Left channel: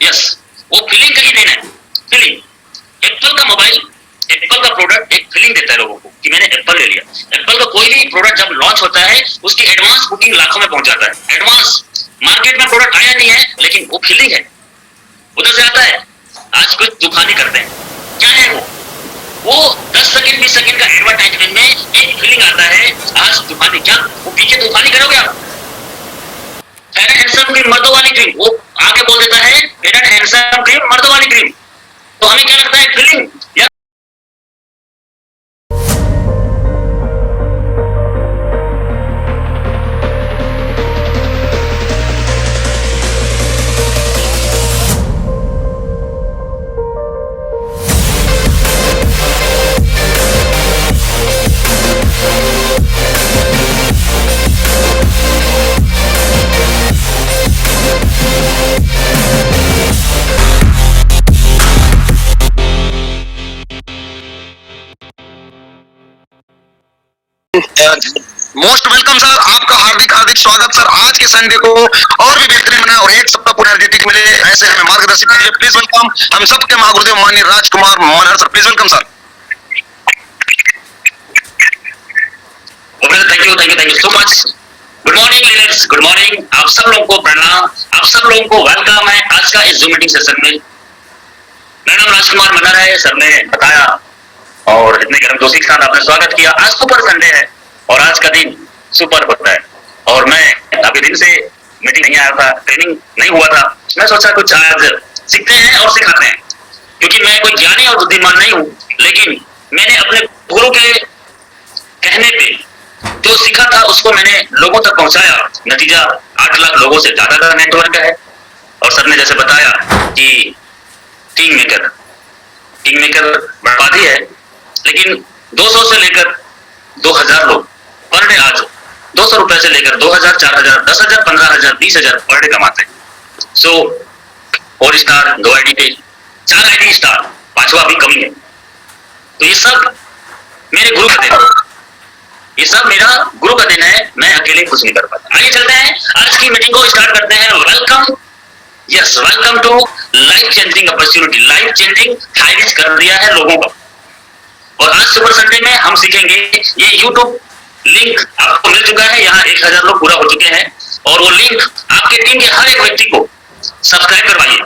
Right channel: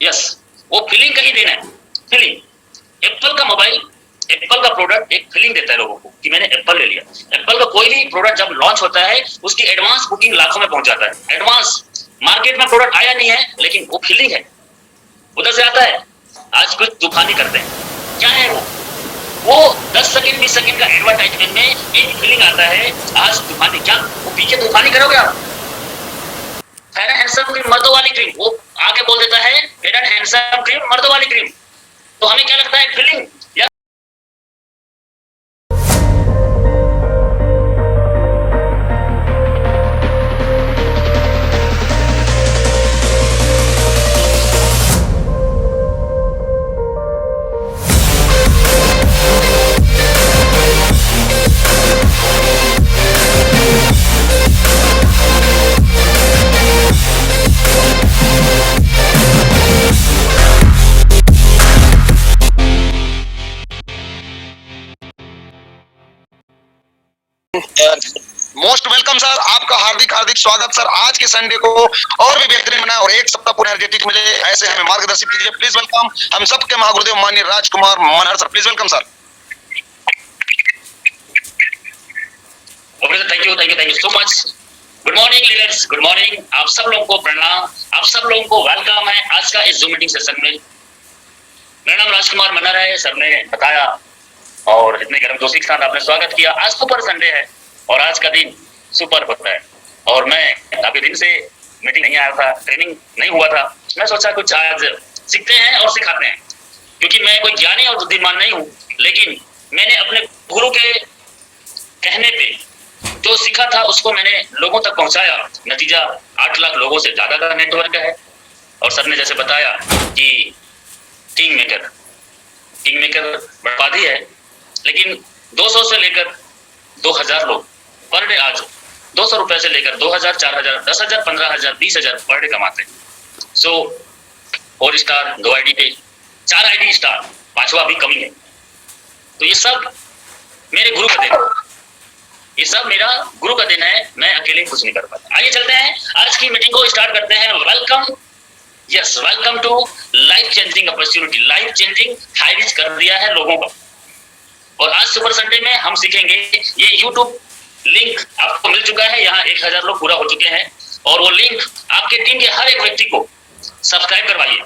Yes, वो feeling का ही देना है। फीलिंग, एप्पल का मोबाइल, एप्पल का प्रोडक्ट एक फीलिंग देता है लोगों को कि मैंने एप्पल ले लिया। एप्पल का कोई भी प्रोडक्ट जब लॉन्च होता है उसकी एडवांस बुकिंग लाखों में पहुंच जाता है। एडवांस मार्केट में प्रोडक्ट आया नहीं है लेकिन वो फीलिंग है, उधर से आता है। आज कुछ तूफानी करते हैं, क्या है वो 10 सेकंड 20 सेकंड का एडवर्टाइजमेंट में एक फीलिंग आता है। आज तूफानी, क्या वो पीछे तूफानी करोगे आप? फेयर एंड हैंडसम क्रीम मर्दों वाली क्रीम, वो आगे बोल देता है फेयर एंड हैंडसम क्रीम मर्दों वाली क्रीम। तो हमें क्या लगता है फीलिंग या मोस्ट वेलकम सर, आपका हार्दिक हार्दिक स्वागत सर। आज के संडे को और भी बेहतरीन बना और एक सप्ताह पूरा एनर्जेटिक मिले, ऐसे हमें मार्गदर्शन कीजिए। प्लीज वेलकम हम सबके महागुरुदेव माननीय Rajkumar Manhar sir, please welcome sir. Thank you so much. Good morning leaders, good morning. आप सब लोगों को प्रणाम, आप सब लोगों को वेलकम है आज का इस जूम मीटिंग सेशन में। मेरा नाम राजकुमार मनहर है, सर ने बताया और इतने गर्म जोशी के साथ आपने स्वागत किया। आज सुपर संडे है और आज का दिन सुपर होता है और मैं काफी दिन से मीटिंग नहीं आया था, ट्रेनिंग नहीं हुआ था। मैं सोचा कुछ आज सीखते हैं और सिखाते हैं, क्योंकि मैं कोई ज्ञानी और बुद्धिमान नहीं हूँ, लेकिन मैंने अपने गुरु के कहने पे जो सीखा था उसको मैंने लोगों तक पहुंचाया। नतीजा 8 लाख लोगों से ज्यादा का नेटवर्क है। और सर ने जैसे बताया कि किंग मेकर बर्बादी है, लेकिन 200 से लेकर 2000 लोग पर डे आज 200 रुपए से लेकर 2000, 4000, 10,000, 15,000, 20,000 पर डे कमाते हैं। सो 4 स्टार 2 आईडी पे 4 आईडी स्टार, 5वां भी कमी है। तो ये सब मेरे गुरु का देन है, ये सब मेरा गुरु का दिन है, मैं अकेले कुछ नहीं कर पाता। आइए चलते हैं, आज की मीटिंग को स्टार्ट करते हैं। Welcome, yes welcome to life changing opportunity. Life changing Hirich कर दिया है लोगों का। और आज सुपर संडे में हम सीखेंगे, ये यूट्यूब लिंक आपको मिल चुका है, यहाँ 1000 लोग पूरा हो चुके हैं और वो लिंक आपके टीम के हर एक व्यक्ति को सब्सक्राइब करवाइए।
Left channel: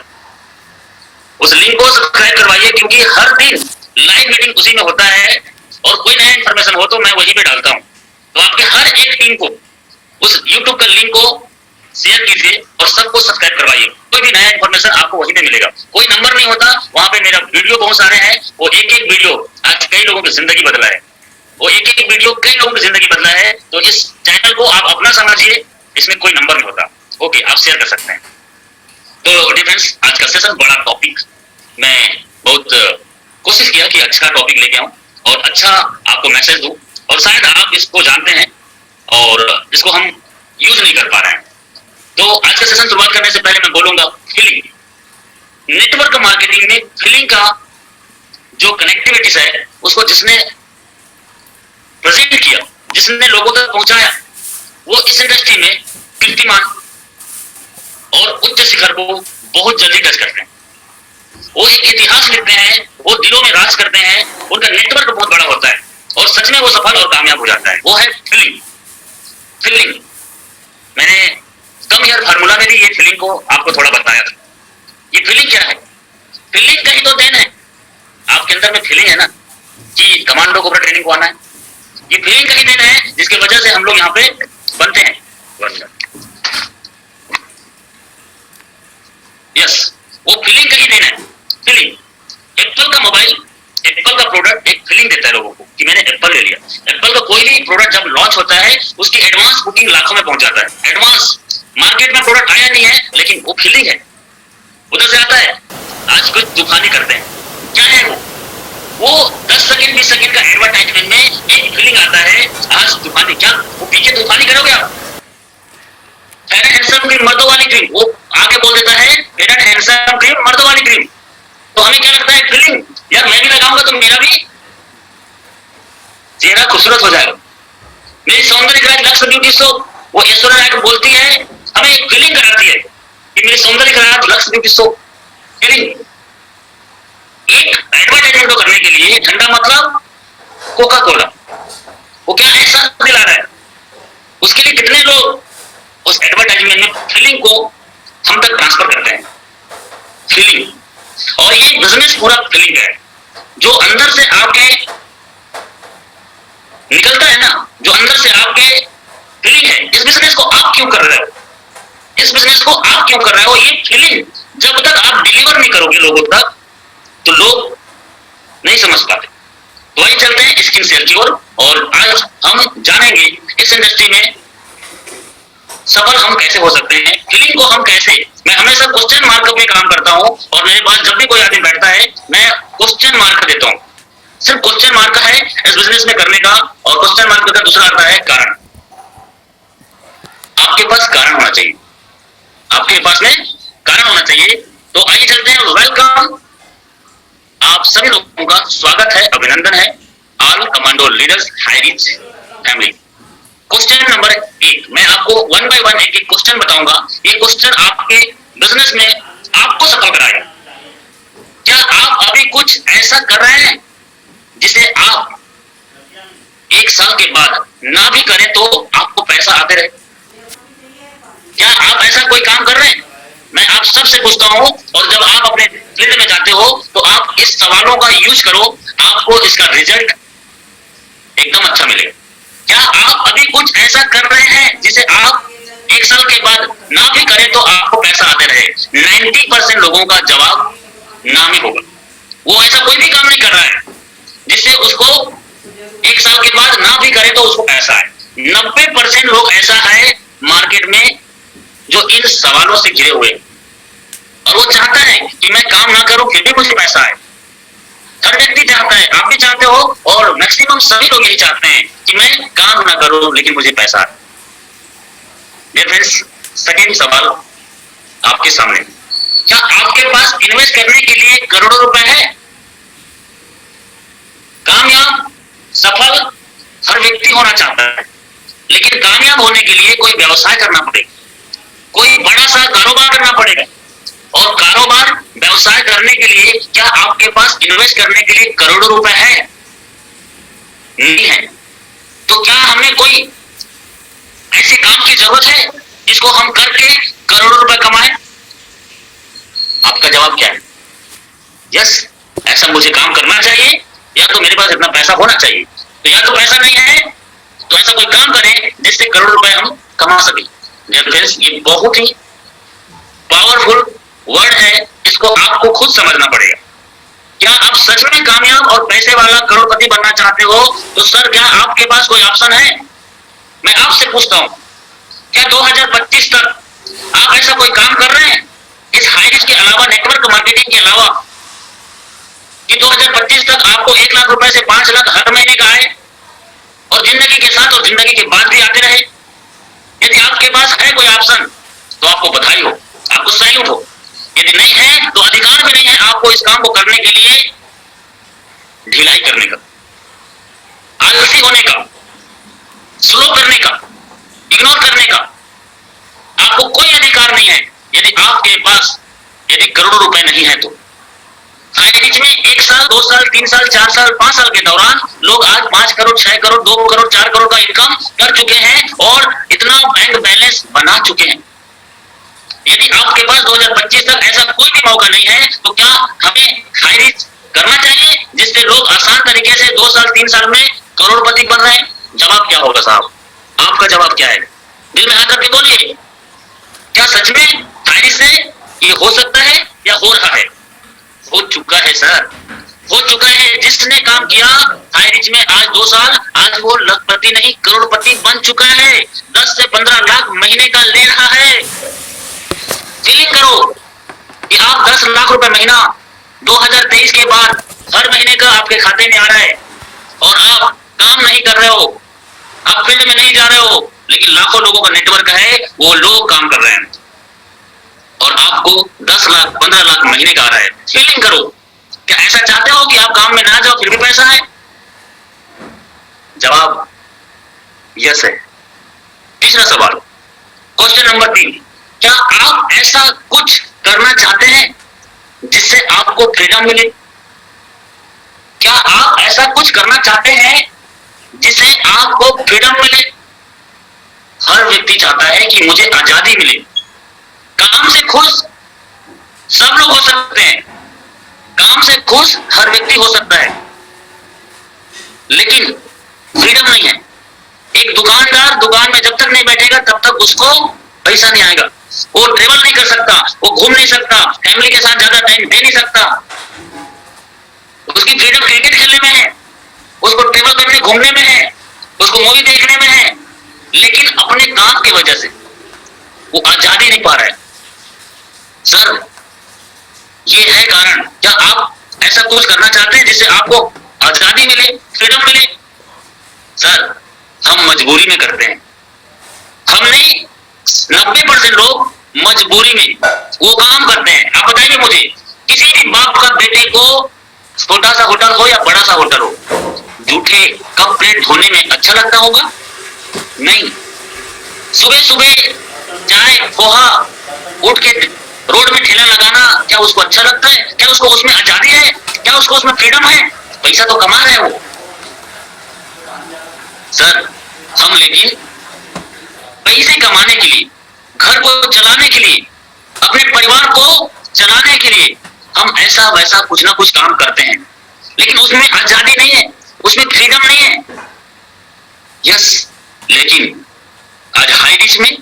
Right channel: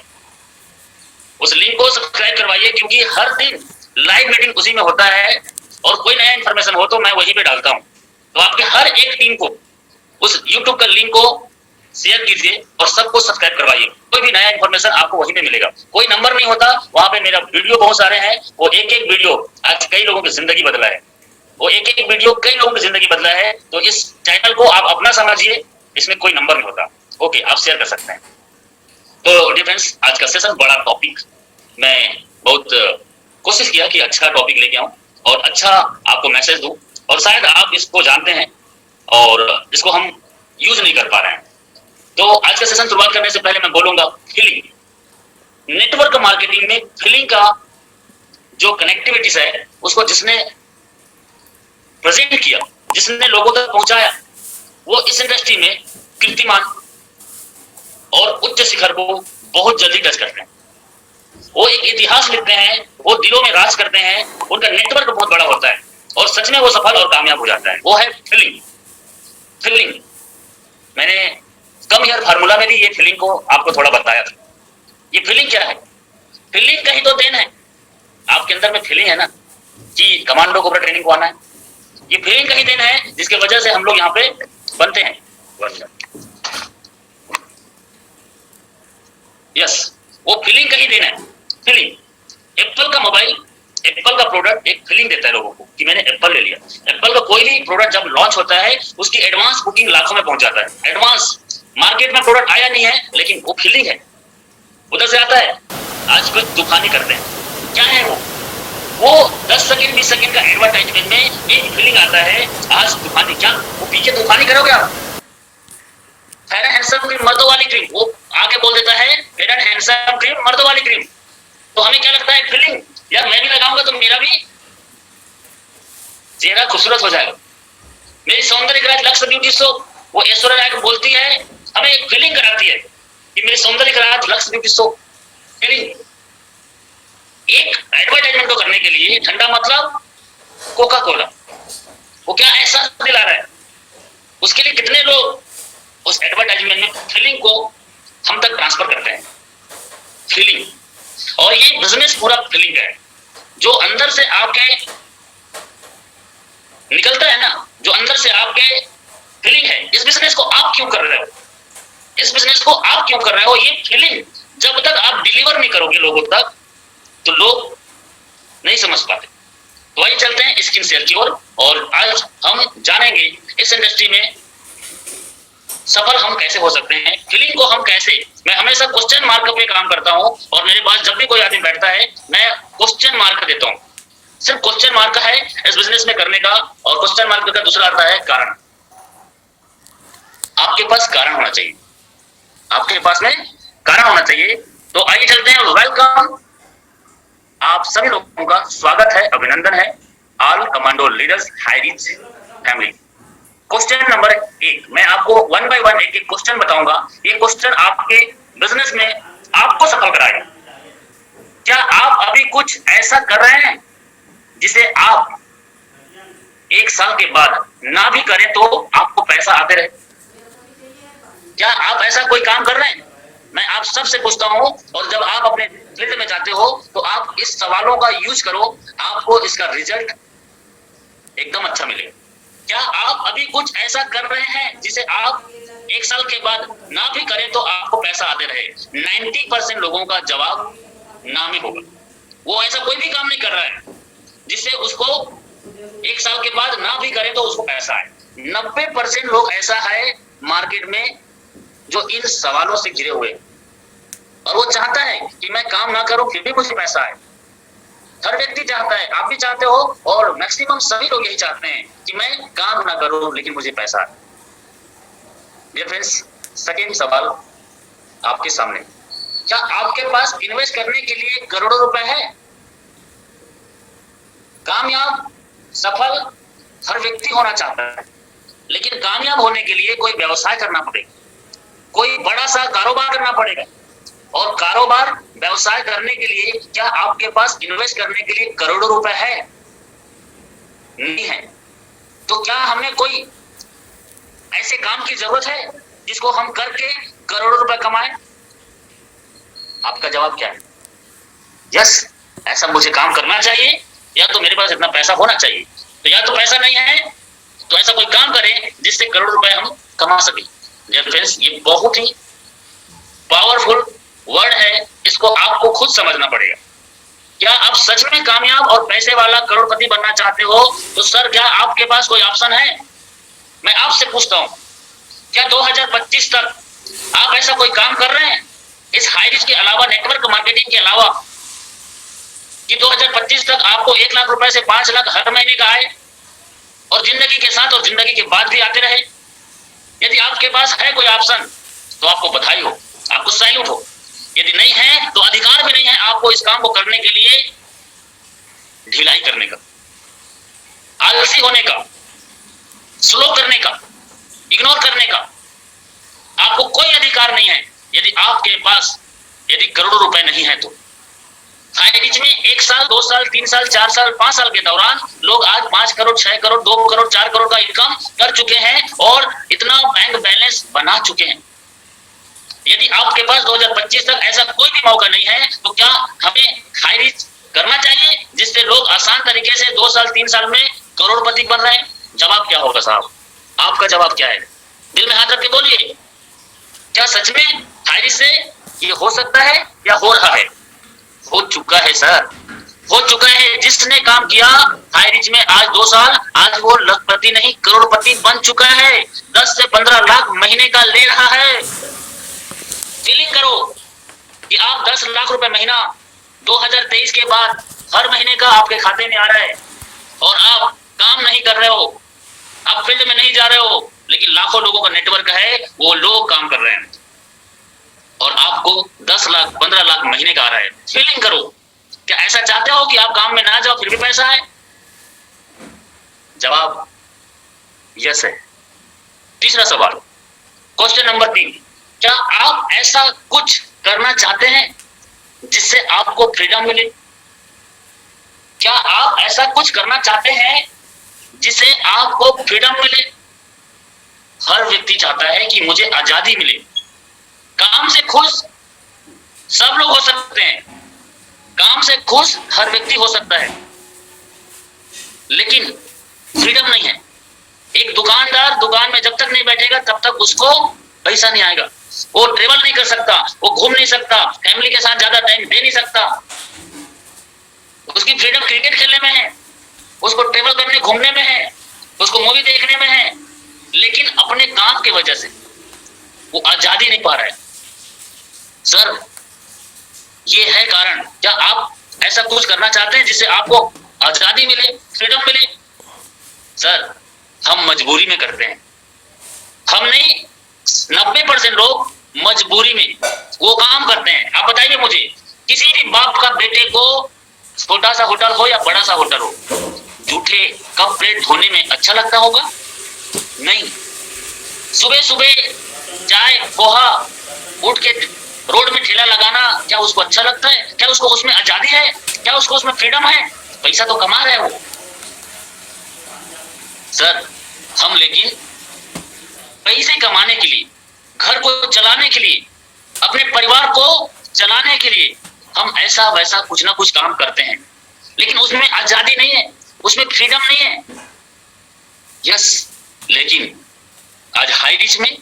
उस लिंक को सब्सक्राइब करवाइए, क्योंकि हर दिन लाइव मीटिंग उसी में होता है और कोई नया इन्फॉर्मेशन हो तो मैं वहीं पे डालता हूँ। तो आपके हर एक टीम को उस यूट्यूब का लिंक को शेयर कीजिए और सबको सब्सक्राइब करवाइए। कोई भी नया इन्फॉर्मेशन आपको वहीं पे मिलेगा। कोई नंबर नहीं होता, वहां पे मेरा वीडियो बहुत सारे हैं, वो एक एक वीडियो आज कई लोगों की जिंदगी बदला है। वो एक एक वीडियो कई लोगों की जिंदगी बदला है। तो इस चैनल को आप अपना समझिए, इसमें कोई नंबर नहीं होता। ओके, आप शेयर कर सकते हैं। तो डिफेंस आज का सेशन बड़ा टॉपिक, मैं बहुत कोशिश किया कि अच्छा टॉपिक लेके आऊं और अच्छा आपको मैसेज दूं, और शायद आप इसको जानते हैं और इसको हम यूज नहीं कर पा रहे हैं। तो आज का सेशन शुरुआत करने से पहले मैं बोलूंगा फीलिंग। नेटवर्क मार्केटिंग में फीलिंग का जो कनेक्टिविटीज है उसको जिसने प्रेजेंट किया, जिसने लोगों तक पहुंचाया, वो इस इंडस्ट्री में कीर्तिमान और उच्च शिखर को बहुत जल्दी टच करते हैं। वो एक इतिहास लिखते हैं, वो दिलों में राज करते हैं, उनका नेटवर्क बहुत बड़ा होता है और सच में वो सफल और कामयाब हो जाता है। वो है फीलिंग। फीलिंग मैंने कम ईयर फार्मूला में भी ये फीलिंग को आपको थोड़ा बताया था। ये फीलिंग क्या है? फीलिंग का ही तो देन है। आपके अंदर में फीलिंग है ना कि कमांडो कोबरा ट्रेनिंग को आना है, ये फीलिंग का ही देन है जिसकी वजह से हम लोग यहाँ पे बनते हैं। यस, वो फीलिंग का ही देन है। फीलिंग, एप्पल का मोबाइल, एप्पल का प्रोडक्ट एक फीलिंग देता है लोगों को कि मैंने एप्पल ले लिया। एप्पल का कोई भी प्रोडक्ट जब लॉन्च होता है उसकी एडवांस बुकिंग लाखों में पहुंच जाता है। एडवांस मार्केट में प्रोडक्ट आया नहीं है लेकिन वो फीलिंग है, उधर से आता है। आज कुछ तूफानी करते हैं, क्या है वो 10 सेकंड 20 सेकंड का एडवर्टाइजमेंट में एक फीलिंग आता है। आज तूफानी, क्या पीछे तूफानी करोगे आप? फेयर एंड हैंडसम क्रीम मर्दों वाली क्रीम, वो आगे बोल देता है फेयर एंड हैंडसम क्रीम मर्दों वाली क्रीम। तो हमें क्या लगता है फीलिंग, यार मैं भी लगाऊंगा तो मेरा भी चेहरा खूबसूरत हो जाएगा। मेरी सौंदर्य राज लक्ष्य ब्यूटी शो, वो ऐश्वर्या राय को बोलती है, हमें एक फीलिंग कराती है कि मेरी सौंदर्य राज लक्ष्य ब्यूटी शो फीलिंग। एक एडवर्टाइजमेंट को करने के लिए ठंडा मतलब कोका कोला, वो क्या ऐसा दिला रहा है, उसके लिए कितने लोग उस एडवर्टाइजमेंट में फीलिंग को हम तक ट्रांसफर करते हैं, फीलिंग। और ये बिजनेस पूरा फीलिंग है, जो अंदर से आपके निकलता है ना, जो अंदर से आपके फीलिंग है, इस बिजनेस को आप क्यों कर रहे हो, इस बिजनेस को आप क्यों कर रहे हो, ये फीलिंग जब तक आप डिलीवर नहीं करोगे लोगों तक तो लोग नहीं समझ पाते। तो वही चलते हैं स्किन शेयर की ओर, और आज हम जानेंगे इस इंडस्ट्री में सफल हम कैसे हो सकते हैं, फीलिंग को हम कैसे। मैं हमेशा क्वेश्चन मार्क पे काम करता हूं, और मेरे पास जब भी कोई आदमी बैठता है मैं क्वेश्चन मार्क देता हूं। सिर्फ क्वेश्चन मार्क है इस बिजनेस में करने का, और क्वेश्चन मार्क का दूसरा आता है कारण। आपके पास कारण होना चाहिए, आपके पास में कारण होना चाहिए। तो आइए चलते हैं, वेलकम आप सभी लोगों का स्वागत है, अभिनंदन है, all commando leaders Highrich family. Question number 1, मैं आपको वन बाय वन एक क्वेश्चन बताऊंगा। ये क्वेश्चन आपके बिजनेस में आपको सफल कराएगा। क्या आप अभी कुछ ऐसा कर रहे हैं जिसे आप 1 साल के बाद ना भी करें तो आपको पैसा आते रहे? क्या आप ऐसा कोई काम कर रहे हैं? मैं आप सबसे पूछता हूं, और जब आप अपने फील्ड में जाते हो तो आप इस सवालों का यूज करो, आपको इसका रिजल्ट एकदम अच्छा मिलेगा। क्या आप अभी कुछ ऐसा कर रहे हैं जिसे आप 1 साल के बाद ना भी करें तो आपको पैसा आते रहे? 90% लोगों का जवाब ना ही होगा। वो ऐसा कोई भी काम नहीं कर रहा है जिससे उसको 1 साल के बाद ना भी करे तो उसको पैसा है। 90% लोग ऐसा है मार्केट में जो इन सवालों से घिरे हुए, और वो चाहता है कि मैं काम ना करूं फिर भी मुझे पैसा है। हर व्यक्ति चाहता है, आप भी चाहते हो, और मैक्सिमम सभी लोग यही चाहते हैं कि मैं काम ना करूं लेकिन मुझे पैसा है। डियर फ्रेंड्स, सेकंड सवाल आपके सामने, क्या आपके पास इन्वेस्ट करने के लिए करोड़ों रुपए है? कामयाब सफल हर व्यक्ति होना चाहता है, लेकिन कामयाब होने के लिए कोई व्यवसाय करना पड़ेगा, कोई बड़ा सा कारोबार करना पड़ेगा, और कारोबार व्यवसाय करने के लिए क्या आपके पास इन्वेस्ट करने के लिए करोड़ों रुपए है? नहीं है। तो क्या हमें कोई ऐसे काम की जरूरत है जिसको हम करके करोड़ों रुपए कमाएं? आपका जवाब क्या है? यस, ऐसा मुझे काम करना चाहिए, या तो मेरे पास इतना पैसा होना चाहिए। तो या तो पैसा नहीं है तो ऐसा कोई काम करें जिससे करोड़ रुपए हम कमा सके। फ्रेंड्स, ये बहुत ही पावरफुल वर्ड है, इसको आपको खुद समझना पड़ेगा। क्या आप सच में कामयाब और पैसे वाला करोड़पति बनना चाहते हो तो सर क्या आपके पास कोई ऑप्शन है? मैं आपसे पूछता हूं, क्या 2025 तक आप ऐसा कोई काम कर रहे हैं इस हाईरिच के अलावा, नेटवर्क मार्केटिंग के अलावा, कि 2025 तक आपको 1 लाख रुपए से 5 लाख हर महीने का आए, और जिंदगी के साथ और जिंदगी के बाद भी आते रहे? यदि आपके पास है कोई ऑप्शन तो आपको बधाई हो, आपको सैल्यूट हो। यदि नहीं है तो अधिकार भी नहीं है आपको इस काम को करने के लिए ढिलाई करने का, आलसी होने का, स्लो करने का, इग्नोर करने का। आपको कोई अधिकार नहीं है यदि आपके पास यदि करोड़ों रुपए नहीं है तो। हाईरिच में 1 साल, 2 साल, 3 साल, 4 साल, 5 साल के दौरान लोग आज 5 करोड़, 6 करोड़, 2 करोड़, 4 करोड़ का इनकम कर चुके हैं, और इतना बैंक बैलेंस बना चुके हैं। यदि आपके पास 2025 तक ऐसा कोई भी मौका नहीं है तो क्या हमें हाईरिच करना चाहिए जिससे लोग आसान तरीके से 2 साल, 3 साल में करोड़पति बन रहे हैं? जवाब क्या होगा साहब? आपका जवाब क्या है? दिल में हाथ रख के बोलिए, क्या सच में हाईरिच से ये हो सकता है या हो रहा है? हो चुका है सर, हो चुका है। जिसने काम किया हाईरिच में आज 2 साल, आज वो लखपति नहीं करोड़पति बन चुका है। 10 से 15 लाख महीने का ले रहा है। फीलिंग करो कि आप 10 लाख रुपए महीना 2023 के बाद हर महीने का आपके खाते में आ रहा है, और आप काम नहीं कर रहे हो, आप फील्ड में नहीं जा रहे हो, लेकिन लाखों लोगों का नेटवर्क है, वो लोग काम कर रहे हैं, और आपको 10 लाख 15 लाख महीने का आ रहा है। फीलिंग करो, क्या ऐसा चाहते हो कि आप काम में ना जाओ फिर भी पैसा है? जवाब यस है। तीसरा सवाल, क्वेश्चन नंबर 3, क्या आप ऐसा कुछ करना चाहते हैं आपको फ्रीडम मिले? क्या आप ऐसा कुछ करना चाहते हैं जिससे आपको फ्रीडम मिले? हर व्यक्ति चाहता है कि मुझे आजादी मिले। काम से खुश सब लोग हो सकते हैं, काम से खुश हर व्यक्ति हो सकता है, लेकिन फ्रीडम नहीं है। एक दुकानदार दुकान में जब तक नहीं बैठेगा तब तक उसको पैसा नहीं आएगा। वो ट्रेवल नहीं कर सकता, वो घूम नहीं सकता, फैमिली के साथ ज्यादा टाइम दे नहीं सकता। उसकी फ्रीडम क्रिकेट खेलने में है, उसको ट्रेवल करने घूमने में है, उसको मूवी देखने में है, लेकिन अपने काम की वजह से वो आजादी नहीं पा रहा है। सर, ये है कारण। क्या आप ऐसा कुछ करना चाहते हैं जिससे आपको आजादी मिले, फ्रीडम मिले? सर, हम मजबूरी में करते हैं। हमने 90% लोग मजबूरी में वो काम करते हैं। आप बताइए मुझे, किसी भी बाप का बेटे को छोटा सा होटल हो या बड़ा सा होटल हो, जूठे कप प्लेट धोने में अच्छा लगता होगा? नहीं। सुबह सुबह चाय पोहा उठ के रोड में ठेला लगाना, क्या उसको अच्छा लगता है? क्या उसको उसमें आजादी है? क्या उसको उसमें फ्रीडम है? पैसा तो कमा रहा है वो। सर, हम लेकिन पैसे कमाने के लिए, घर को चलाने के लिए, अपने परिवार को चलाने के लिए हम ऐसा वैसा कुछ ना कुछ काम करते हैं, लेकिन उसमें आजादी नहीं है, उसमें फ्रीडम नहीं है। यस, लेकिन आज हाई रिच में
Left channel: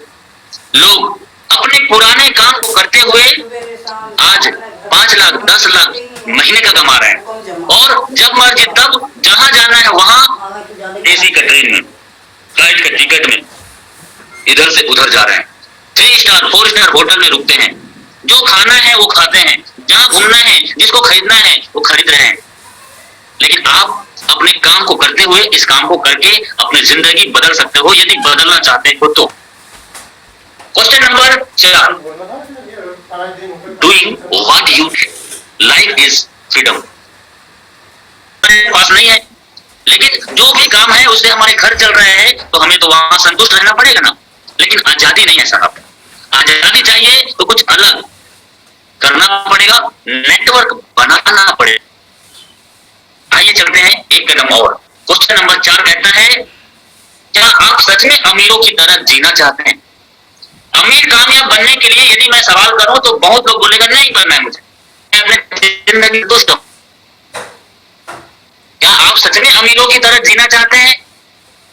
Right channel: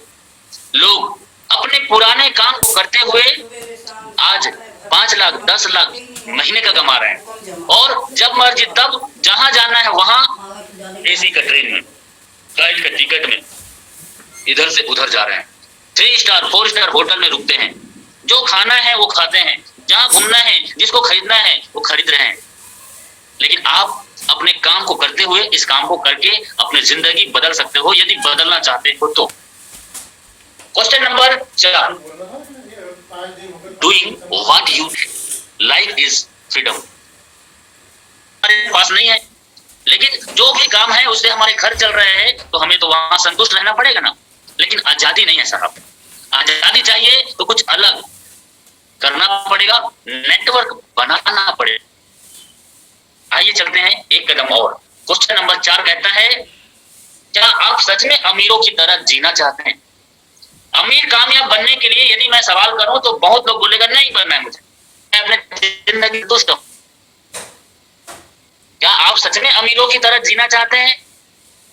लोग अपने पुराने काम को करते हुए आज 5 लाख 10 लाख महीने का कमा रहे हैं, और जब मर्जी तब जहां जाना है वहां एसी का ट्रेन में, फ्लाइट का टिकट में इधर से उधर जा रहे हैं। 3 स्टार 4 स्टार होटल में रुकते हैं, जो खाना है वो खाते हैं, जहां घूमना है, जिसको खरीदना है वो खरीद रहे हैं। लेकिन आप अपने काम को करते हुए, इस काम को करके अपनी जिंदगी बदल सकते हो, यदि बदलना चाहते हो तो। Question number 4, doing what you like is freedom. पास नहीं है, लेकिन जो भी काम है उससे हमारे घर चल रहे हैं, तो हमें तो वहां संतुष्ट रहना पड़ेगा ना। लेकिन आजादी नहीं है साहब, आजादी चाहिए तो कुछ अलग करना पड़ेगा, नेटवर्क बनाना पड़ेगा। आइए चलते हैं एक कदम और। क्वेश्चन नंबर 4 कहता है, क्या आप सच में अमीरों की तरह जीना चाहते हैं? अमीर कामयाब बनने के लिए यदि मैं सवाल करूं तो बहुत लोग बोलेगा नहीं बनना है मुझे, मैं अपने जिंदगी दोस्तों। क्या आप सच में अमीरों की तरह जीना चाहते हैं?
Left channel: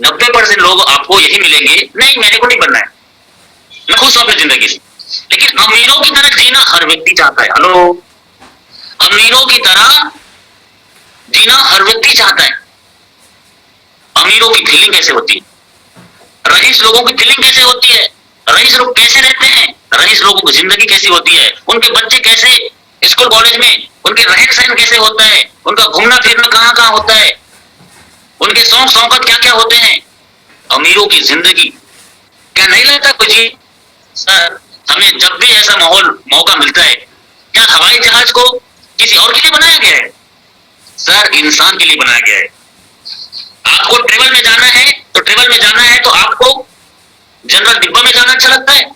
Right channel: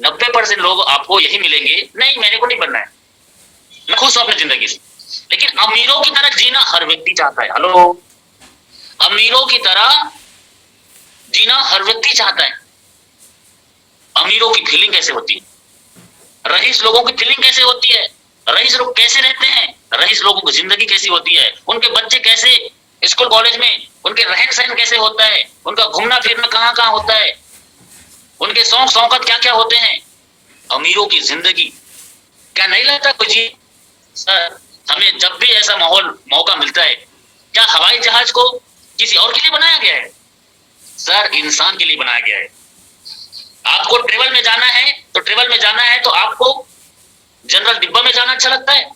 90% लोग आपको यही मिलेंगे, नहीं मेरे को नहीं बनना है, मैं खुश हूं अपनी जिंदगी से। लेकिन अमीरों की तरह जीना हर व्यक्ति चाहता है। हेलो, अमीरों की तरह जीना हर व्यक्ति चाहता है। अमीरों की फीलिंग कैसे होती है? रईस लोगों की फीलिंग कैसे होती है? रईस लोग कैसे रहते हैं? रईस लोगों की जिंदगी कैसी होती है? उनके बच्चे कैसे स्कूल कॉलेज में, उनके रहन सहन कैसे होता है? उनका घूमना फिरना कहाँ कहाँ होता है? उनके शौक शौकत क्या क्या होते हैं? अमीरों की जिंदगी क्या नहीं लगता कुछ ही? सर, हमें जब भी ऐसा माहौल मौका मिलता है, क्या हवाई जहाज को किसी और के लिए बनाया गया है? सर, इंसान के लिए बनाया गया है। आपको ट्रेवल में जाना है तो ट्रेवल में जाना है तो आपको जनरल डिब्बा में जाना अच्छा लगता है,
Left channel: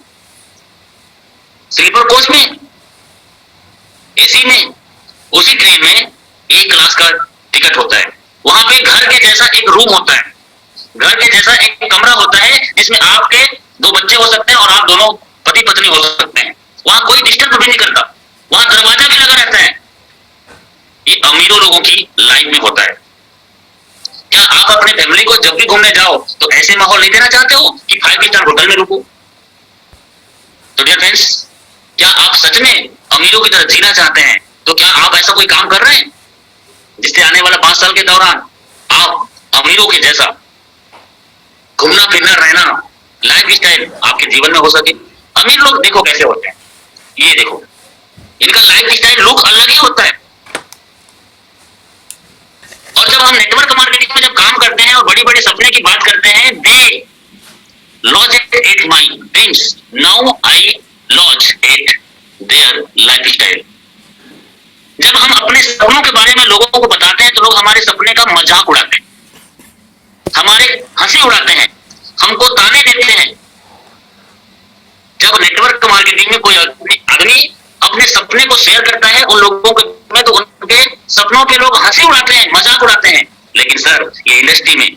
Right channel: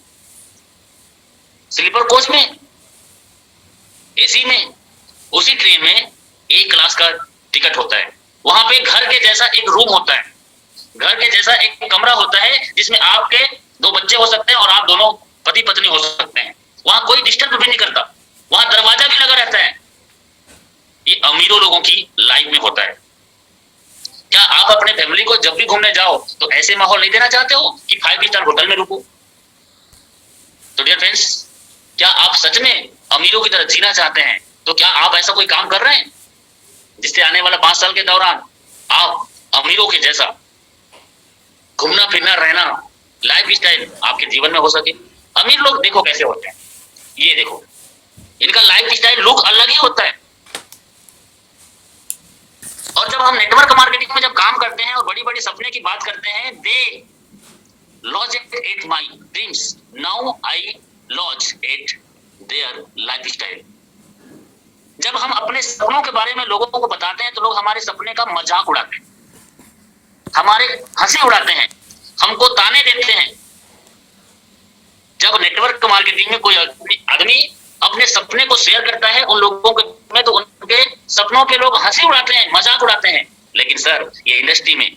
स्लीपर कोच में, एसी में? उसी ट्रेन में एक क्लास का टिकट होता है, वहां पे घर के जैसा एक रूम होता है, घर के जैसा एक कमरा होता है जिसमें आपके 2 बच्चे हो सकते हैं और आप दोनों पति पत्नी हो सकते हैं। वहां कोई डिस्टर्ब भी नहीं करता, वहां दरवाजा भी लगा रहता है। ये अमीरों लोगों की लाइफ में होता है। क्या आप अपने फैमिली को जब भी घूमने जाओ तो ऐसे माहौल नहीं देना चाहते हो कि 5 स्टार होटल में रुको? तो डियर फ्रेंड्स, क्या आप सच में अमीरों की तरह जीना चाहते हैं? तो क्या आप ऐसा कोई काम कर रहे हैं जिससे आने वाला 5 साल के दौरान आप अमीरों के जैसा घूमना फिरना रहना लाइफ स्टाइल आपके जीवन में हो सके? अमीर लोग देखो कैसे होते हैं, ये देखो, इनका लाइफ स्टाइल लुक अलग ही होता है। और जब हम नेटवर्क मार्केटिंग में जब काम करते हैं और बड़ी बड़ी सपने की बात करते हैं, they laughs at my dreams, now I laughs at their lifestyle. जब हम अपने सपनों के बारे में लोगों को बताते हैं तो लोग हमारे सपने का मजाक उड़ाते हैं, हमारे हंसी उड़ाते हैं, हमको ताने देते हैं। जब नेटवर्क मार्केटिंग में कोई आदमी अपने सपने को शेयर करता है उन लोगों में तो सपनों पे लोग हंसी उड़ाते हैं, मजाक उड़ाते हैं, लेकिन सर ये इंडस्ट्री में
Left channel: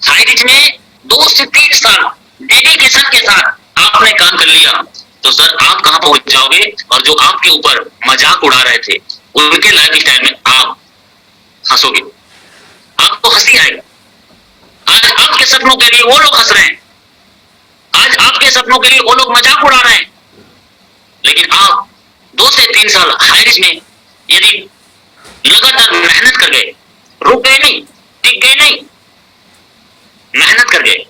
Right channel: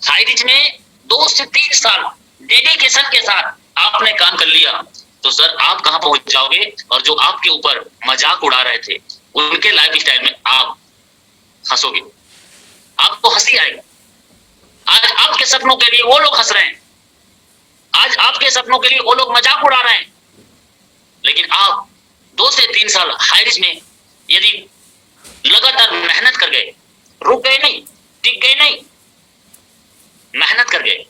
हाई रिच में 2 से 3 साल डेडिकेशन के साथ आपने काम कर लिया तो सर आप कहां पहुंच जाओगे, और जो आपके ऊपर मजाक उड़ा रहे थे उनके लाइफ स्टाइल में आप हंसोगे, आपको हंसी आएगी। आज आपके सपनों के लिए वो लोग हंस रहे हैं, आज आपके सपनों के लिए वो लोग मजाक उड़ा रहे हैं, लेकिन आप 2 से 3 साल हाई रिच में यदि लगातार मेहनत कर गए, रुक गए नहीं, टिक गए नहीं, मेहनत कर गए,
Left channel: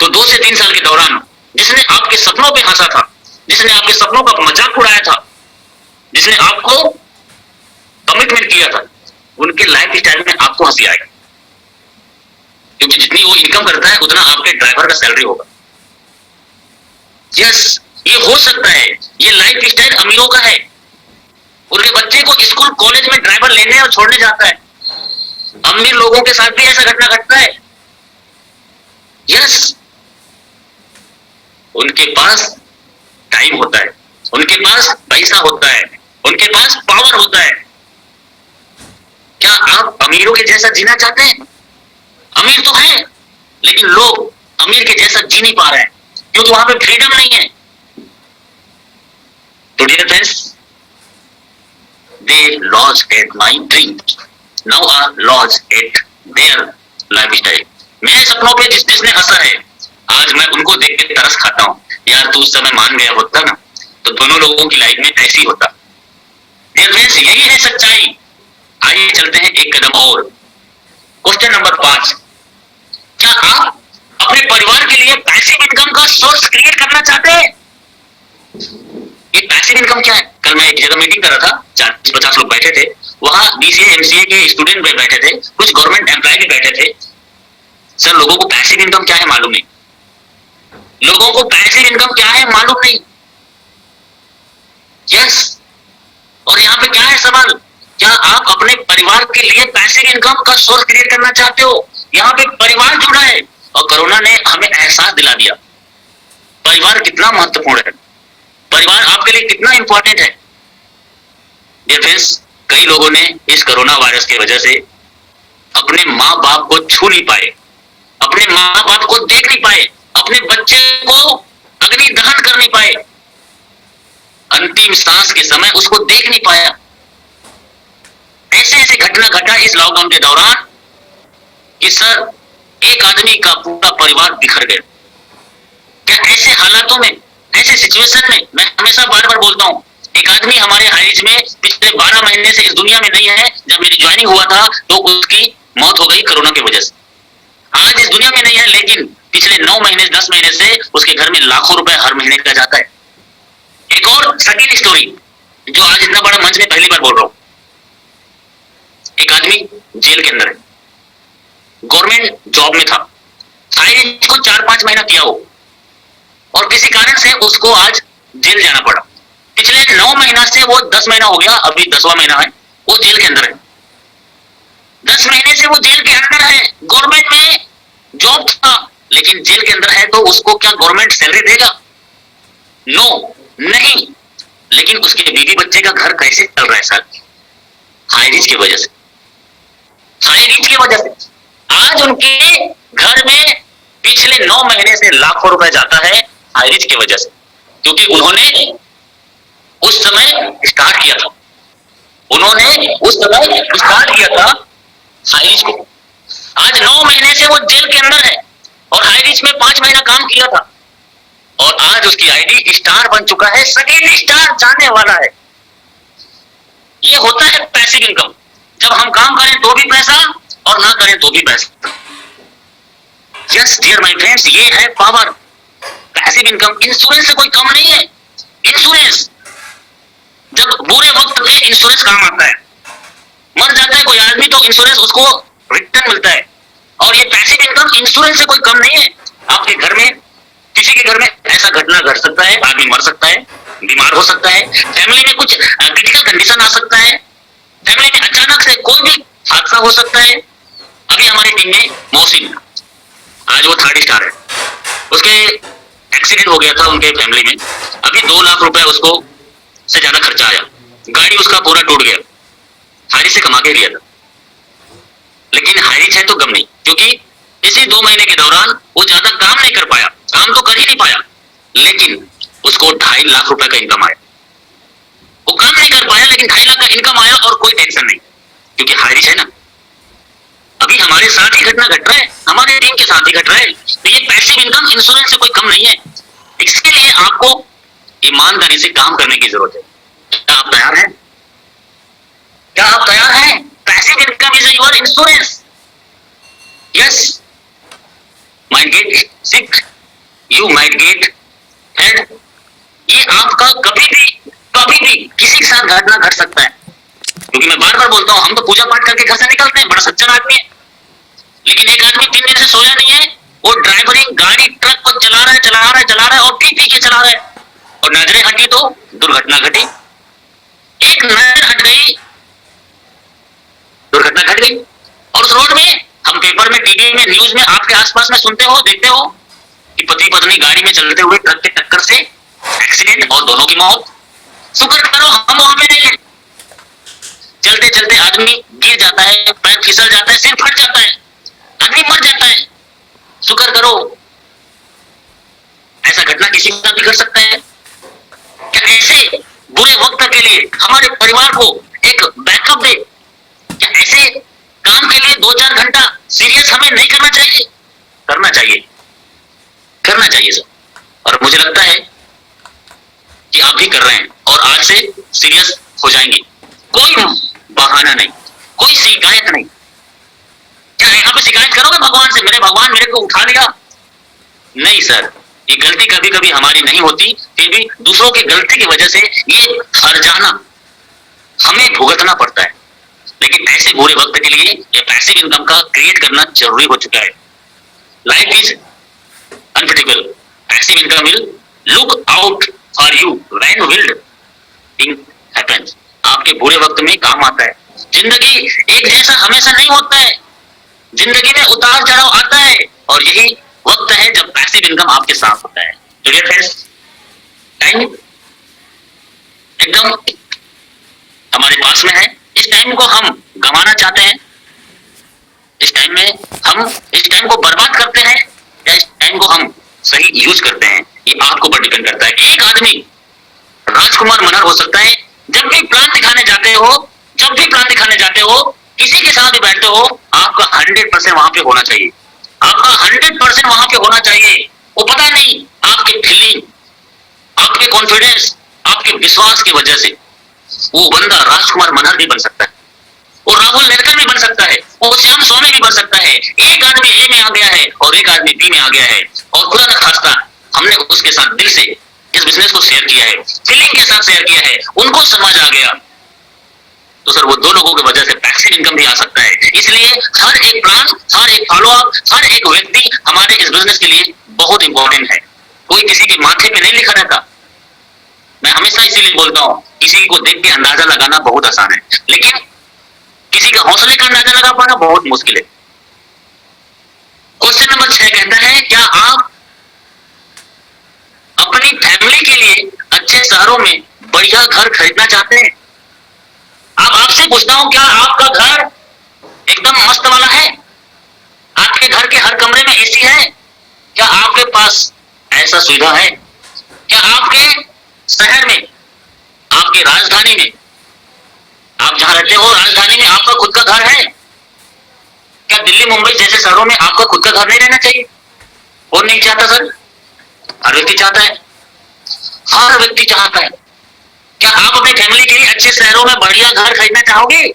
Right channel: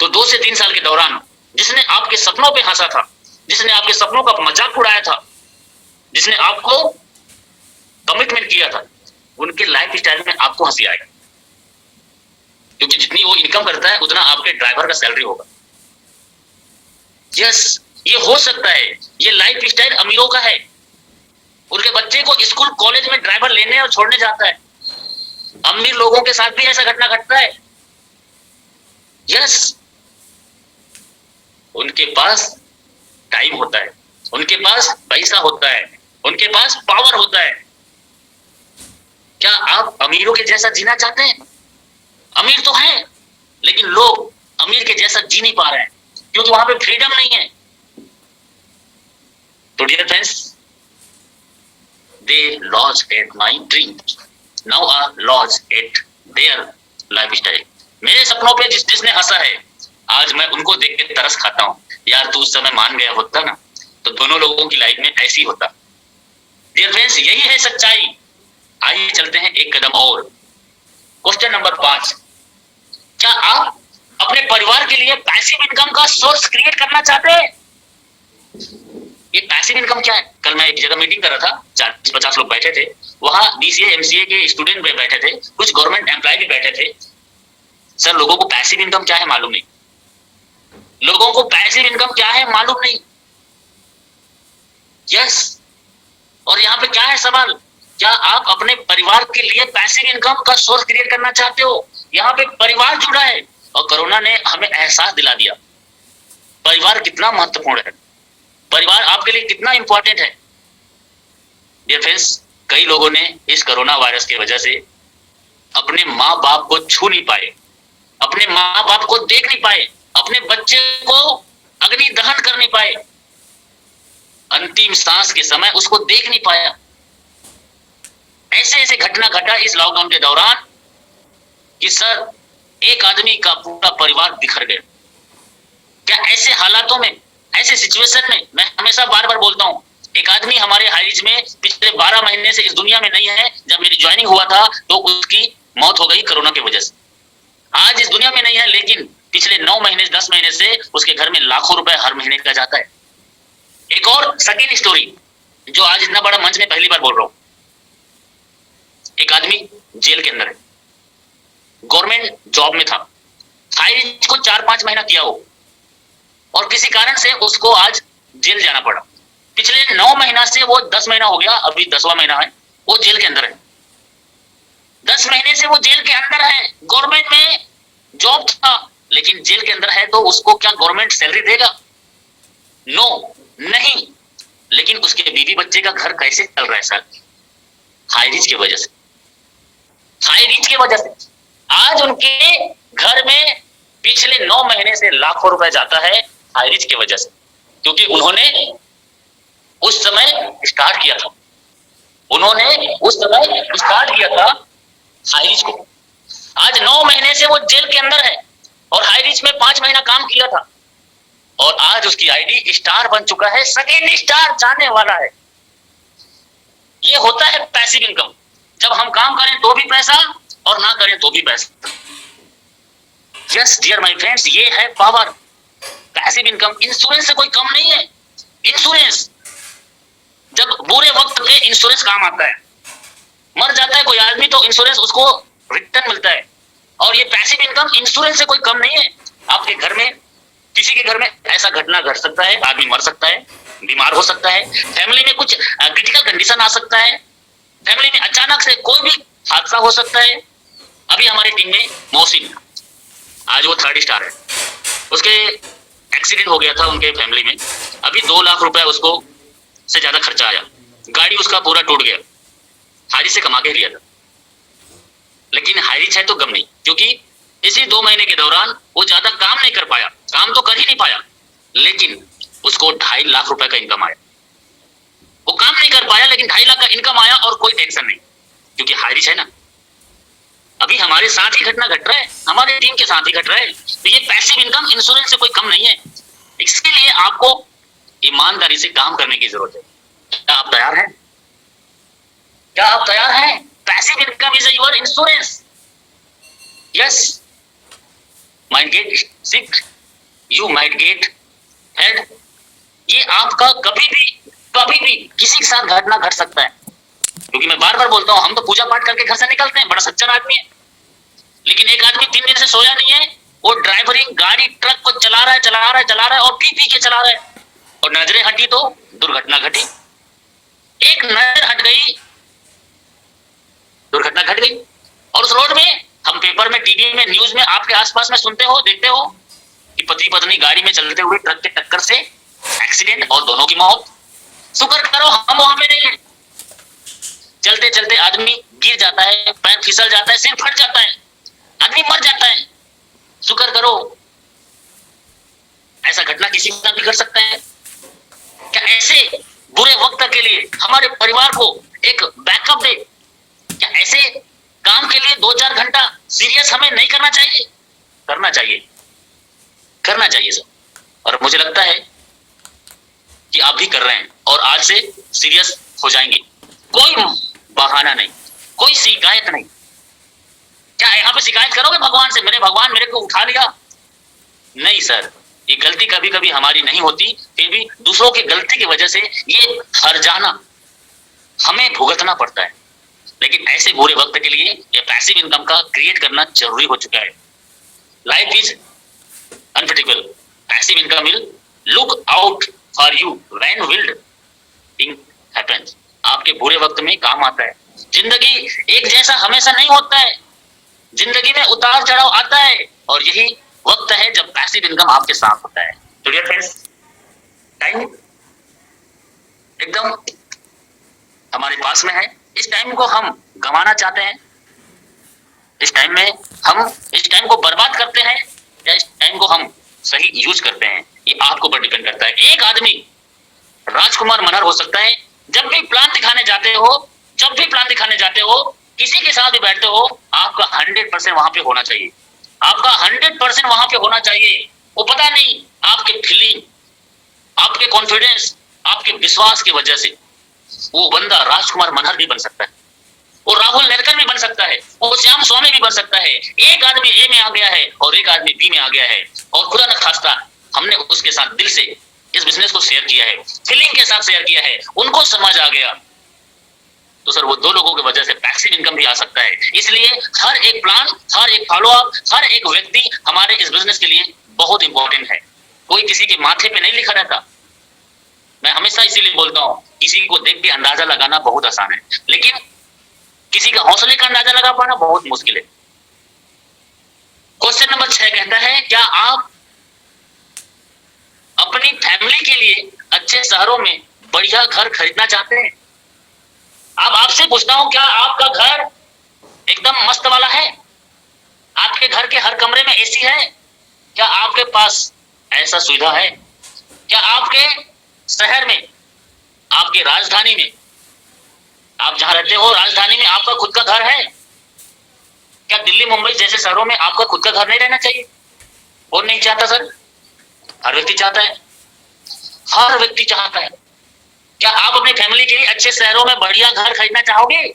तो 2 से 3 साल के दौरान जिसने आपके सपनों पे हंसा था, जिसने आपके सपनों का मजाक उड़ाया था, जिसने आपको कमिटमेंट किया था, उनके लाइफ स्टाइल में आपको हंसी आएगी, क्योंकि जितनी वो इनकम करता है उतना आपके ड्राइवर का सैलरी होगा। यस, ये हो सकता है, ये लाइफ स्टाइल अमीरों का है। उनके बच्चे को स्कूल कॉलेज में ड्राइवर लेने और छोड़ने जाता है। अमीर लोगों के साथ भी ऐसा घटना घटता है। यस, उनके पास टाइम होता है, उनके पास पैसा होता है, उनके पास पावर होता है। क्या आप अमीरों के जैसा जीना चाहते हैं? अमीर तो हैं, लेकिन लोग अमीर के जैसा जी नहीं पा रहे हैं, क्योंकि वहां पे फ्रीडम नहीं है। तो dear friends, they lost at my dream, now are lost at their lifestyle। मेरे सपनों पे जिसने हंसा है, आज मैं उनको देख के तरस खाता हूँ, यार तू उस समय मान गया होता ना तो दोनों लोगों की लाइफ में ऐसे ही होता। डियर फ्रेंड्स, यही है सच्चाई। आइए चलते हैं एक कदम और। क्वेश्चन नंबर 5, क्या आप अपने परिवार के लिए पैसिव इनकम का सोर्स क्रिएट करना चाहते हैं? ये पैसिव इनकम क्या है? कल मैं एक जगह मीटिंग कर रहा था, 40-50 लोग बैठे थे, वहां बीसीए एमसीए के स्टूडेंट भी बैठे थे, कुछ गवर्नमेंट एम्प्लॉय भी बैठे थे। सर, लोगों को पैसिव इनकम क्या है मालूम नहीं, लोगों को पैसिव इनकम क्या है मालूम नहीं। यस, और यहाँ पे क्या है सवाल, क्या आप अपने परिवार के लिए पैसिव इनकम का सोर्स क्रिएट करना चाहते हो? यहाँ पे परिवार जुड़ा है, और कोरोना ने हमें एहसास दिला दिया परिवार कितना महत्वपूर्ण है, परिवार आपके लिए कितना इंपॉर्टेंट है। डियर फ्रेंड्स, कई लोगों ने इस कोरोना वायरस की वजह से अपने माँ बाप को छू नहीं पाए, अपने माँ बाप को देख नहीं पाए, अपने बच्चे को अग्नि दहन कर नहीं पाए, अंतिम सांस के समय उसको देख नहीं पाया। ऐसे ऐसे घटना घटा इस लॉकडाउन के दौरान कि सर एक आदमी का पूरा परिवार बिखर गया। क्या ऐसे हालातों में, ऐसे सिचुएशन में, मैं हमेशा बार बार बोलता हूँ, एक आदमी हमारे हाइज में पिछले 12 महीने से इस दुनिया में नहीं है। जब मेरी ज्वाइनिंग हुआ था तो उसकी मौत हो गई कोरोना की वजह से। आज इस दुनिया में नहीं है, लेकिन पिछले 9 महीने 10 महीने से उसके घर में लाखों रुपए हर महीने का जाता है। एक और सेकंड स्टोरी जो आज इतना बड़ा मंच में पहली बार बोल रहा हूँ। एक आदमी जेल के अंदर है, गवर्नमेंट जॉब में था, हाइज को 4-5 महीना किया हो, और किसी कारण से उसको आज जेल जाना पड़ा। पिछले 9 महीना से वो 10 महीना हो गया, अभी 10वां महीना है, वो जेल के अंदर है। 10 महीने से वो जेल के अंदर है, गवर्नमेंट में जॉब था, लेकिन जेल के अंदर है तो उसको क्या गवर्नमेंट सैलरी देगा? नो, नहीं। लेकिन उसके बीवी बच्चे का घर कैसे चल रहा है सर? हाई रिच की वजह से, हाई रिच की वजह से आज उनके घर में पिछले 9 महीने से लाखों रुपए जाता है हाई रिच की वजह से, क्योंकि उन्होंने उस समय स्टार्ट किया था, उन्होंने उस समय स्टार्ट किया था हाई रिच को। आज 9 महीने से वो जेल के अंदर है और हाई रिच में 5 महीना काम किया था, और आज उसकी आईडी स्टार बन चुका है, सेकेंड स्टार जाने वाला है। ये होता है पैसिव इनकम। जब हम काम करें तो भी पैसा और ना करें तो भी पैसा। यस डियर माय फ्रेंड्स, ये है पावर, पैसिव इनकम। इंश्योरेंस से कोई कम नहीं है। इंश्योरेंस, जब बुरे वक्त में इंश्योरेंस काम आता है, मर जाता है कोई आदमी तो इंश्योरेंस उसको रिटर्न मिलता है, और ये पैसिव इनकम इंश्योरेंस से कोई कम नहीं है। आपके घर में, किसी के घर में ऐसा घटना घट सकता है, आदमी मर सकता है, बीमार हो सकता है, फैमिली में कुछ क्रिटिकल कंडीशन आ सकता है, फैमिली में अचानक से कोई भी हादसा हो सकता है। अभी हमारी टीम में मोहसिन, आज वो 3rd स्टार है, उसके एक्सीडेंट हो गया था उनके फैमिली में, अभी 2 लाख रुपए उसको से ज्यादा खर्चा आया, गाड़ी उसका पूरा टूट गया, हायरिज से कमा के लिया था, लेकिन हायरिज है तो गम नहीं, क्योंकि इसी 2 महीने के दौरान वो ज्यादा काम नहीं कर पाया, काम तो कर ही नहीं पाया, लेकिन उसको 2.5 लाख रुपए का इनकम आया। वो काम नहीं कर पाया लेकिन 2.5 लाख का इनकम आया और कोई टेंशन नहीं, क्योंकि हायरिज है ना। अभी हमारे साथ ही घटना घट रहा है, हमारे टीम के साथ ही घट रहा है। तो ये पैसिव इनकम इंश्योरेंस से कोई कम नहीं है। इसके लिए आपको ईमानदारी से काम करने की जरूरत है। क्या आप तैयार हैं? क्या आप तैयार हैं? Passive income is your insurance. Yes, might get sick, you might get head. ये आपका कभी भी किसी के साथ घटना घट सकता है, क्योंकि मैं बार बार बोलता हूं, हम तो पूजा पाठ करके घर से निकलते हैं, बड़ा सच्चा आदमी है, लेकिन एक आदमी 3 दिन से सोया नहीं है, वो ड्राइवरिंग गाड़ी ट्रक को चला रहा है और पी के चला रहा है, और नजरें हटी तो दुर्घटना घटी। एक नजर हट गई, दुर्घटना घट गई। और उस रोड में हम पेपर में, टीवी में, न्यूज में, आपके आसपास में सुनते हो, देखते हो कि पति पत्नी गाड़ी में चलते हुए ट्रक के टक्कर से एक्सीडेंट और दोनों की मौत। शुक्र करो हम वहां पे नहीं है। चलते चलते आदमी गिर जाता है, पैर फिसल जाता है, सिर फट जाता है, आदमी मर जाता है। शुक्र करो ऐसा घटना किसी के साथ भी कर सकता है। क्या ऐसे बुरे वक्त के लिए हमारे परिवार को एक बैकअप दे? क्या ऐसे काम के लिए 2-4 घंटा सीरियस हमें नहीं करना चाहिए? करना चाहिए, करना चाहिए सर। और मुझे लगता है कि आप भी कर रहे हैं और आज से सीरियस हो जाएंगे। कोई बहाना नहीं, कोई शिकायत नहीं। क्या यहाँ पे शिकायत करोगे भगवान से, मेरे भगवान मेरे को उठा लिया? नहीं सर, ये गलती कभी कभी हमारी नहीं होती, फिर भी दूसरों की गलती की वजह से ये हर्जाना हमें भुगतना पड़ता है। लेकिन ऐसे बुरे वक्त के लिए ये पैसिव इनकम का क्रिएट करना जरूरी हो चुका है। Life is unpredictable, passive income will look out for you when wild thing happens. आपके बुरे वक्त में काम आता है। जिंदगी एक जैसा हमेशा नहीं होता है, जिंदगी में उतार चढ़ाव आता है, और यही वक्त है जब पैसिव इनकम आपके साथ होता है। तो डियर फ्रेंड्स, टाइम एकदम हमारे पास में है। इस टाइम को हम गंवाना चाहते हैं, इस टाइम में हम इस टाइम को बर्बाद करते हैं या इस टाइम को हम सही यूज करते हैं, ये आपके ऊपर डिपेंड करता है। एक आदमी राजकुमार मनहर हो सकता है, जब भी प्लान दिखाने जाते हो, किसी के साथ भी बैठते हो, आपका 100% वहां पे होना चाहिए, आपका 100% वहां पे होना चाहिए। वो पता नहीं आपके फीलिंग, आपके कॉन्फिडेंस, आपके विश्वास की वजह से वो बंदा राजकुमार मनहर भी बन सकता है, वो राहुल नेरकर भी बन सकता है, वो श्याम स्वामी भी बन सकता है। एक आदमी ए में आ गया है और एक आदमी बी में आ गया है, और खुदा न खास्ता हमने उसके साथ दिल से इस बिजनेस को शेयर किया है, फीलिंग के साथ शेयर किया है, उनको समझ आ गया, तो सर वो 2 लोगों की वजह से पैसिव इनकम भी आ सकता है। इसलिए हर एक प्लान, हर एक फॉलोअप, हर एक व्यक्ति हमारे इस बिजनेस के लिए बहुत इंपॉर्टेंट है। कोई किसी के माथे पे नहीं लिखा रहता। मैं हमेशा इसीलिए बोलता हूँ, किसी को देख के अंदाजा लगाना बहुत आसान है, लेकिन किसी का हौसले का अंदाजा लगा पाना बहुत मुश्किल है। क्वेश्चन नंबर 6 कहता है, क्या आप अपनी फैमिली के लिए अच्छे शहरों में बढ़िया घर खरीदना चाहते हैं? अब आपसे पूछता हूं, क्या आपका घर एकदम मस्त वाला है? आपके घर के हर कमरे में एसी है? क्या आपके पास ऐसा सुविधा है? क्या आपके शहर में, आपकी राजधानी में, आप जहां रहते हो राजधानी में आपका खुद का घर है? क्या दिल्ली मुंबई जैसे शहरों में आपका खुद का घर नहीं रहना चाहिए? कौन नहीं चाहता सर? हर व्यक्ति चाहता है, हर व्यक्ति चाहता है। क्या आप अपनी फैमिली के लिए अच्छे शहरों में बढ़िया घर खरीदना चाहोगे?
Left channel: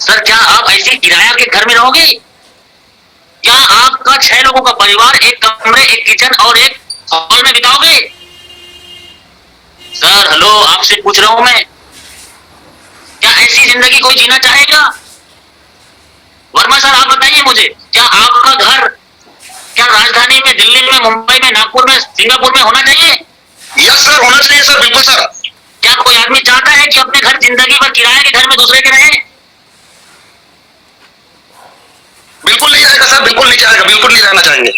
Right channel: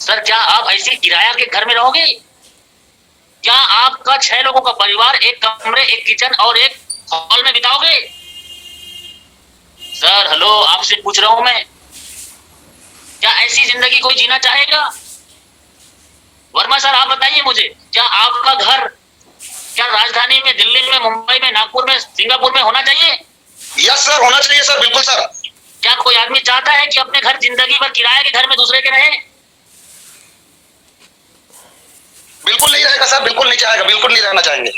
सर क्या आप ऐसे किराया के घर में रहोगे? क्या आपका 6 लोगों का परिवार एक कमरे, एक किचन और एक हॉल में बिताओगे? सर हेलो, आपसे पूछ रहा हूं मैं, क्या ऐसी जिंदगी कोई जीना चाहेगा? वर्मा सर आप बताइए मुझे, क्या आपका घर क्या राजधानी में, दिल्ली में, मुंबई में, नागपुर में, सिंगापुर में होना चाहिए? यस सर, होना चाहिए सर, बिल्कुल सर। क्या कोई आदमी चाहता है कि अपने घर जिंदगी भर किराए के घर में दूसरे के रहे? बिल्कुल नहीं जाएगा सर, बिल्कुल नहीं जाएगा, बिल्कुल नहीं रहना चाहेंगे।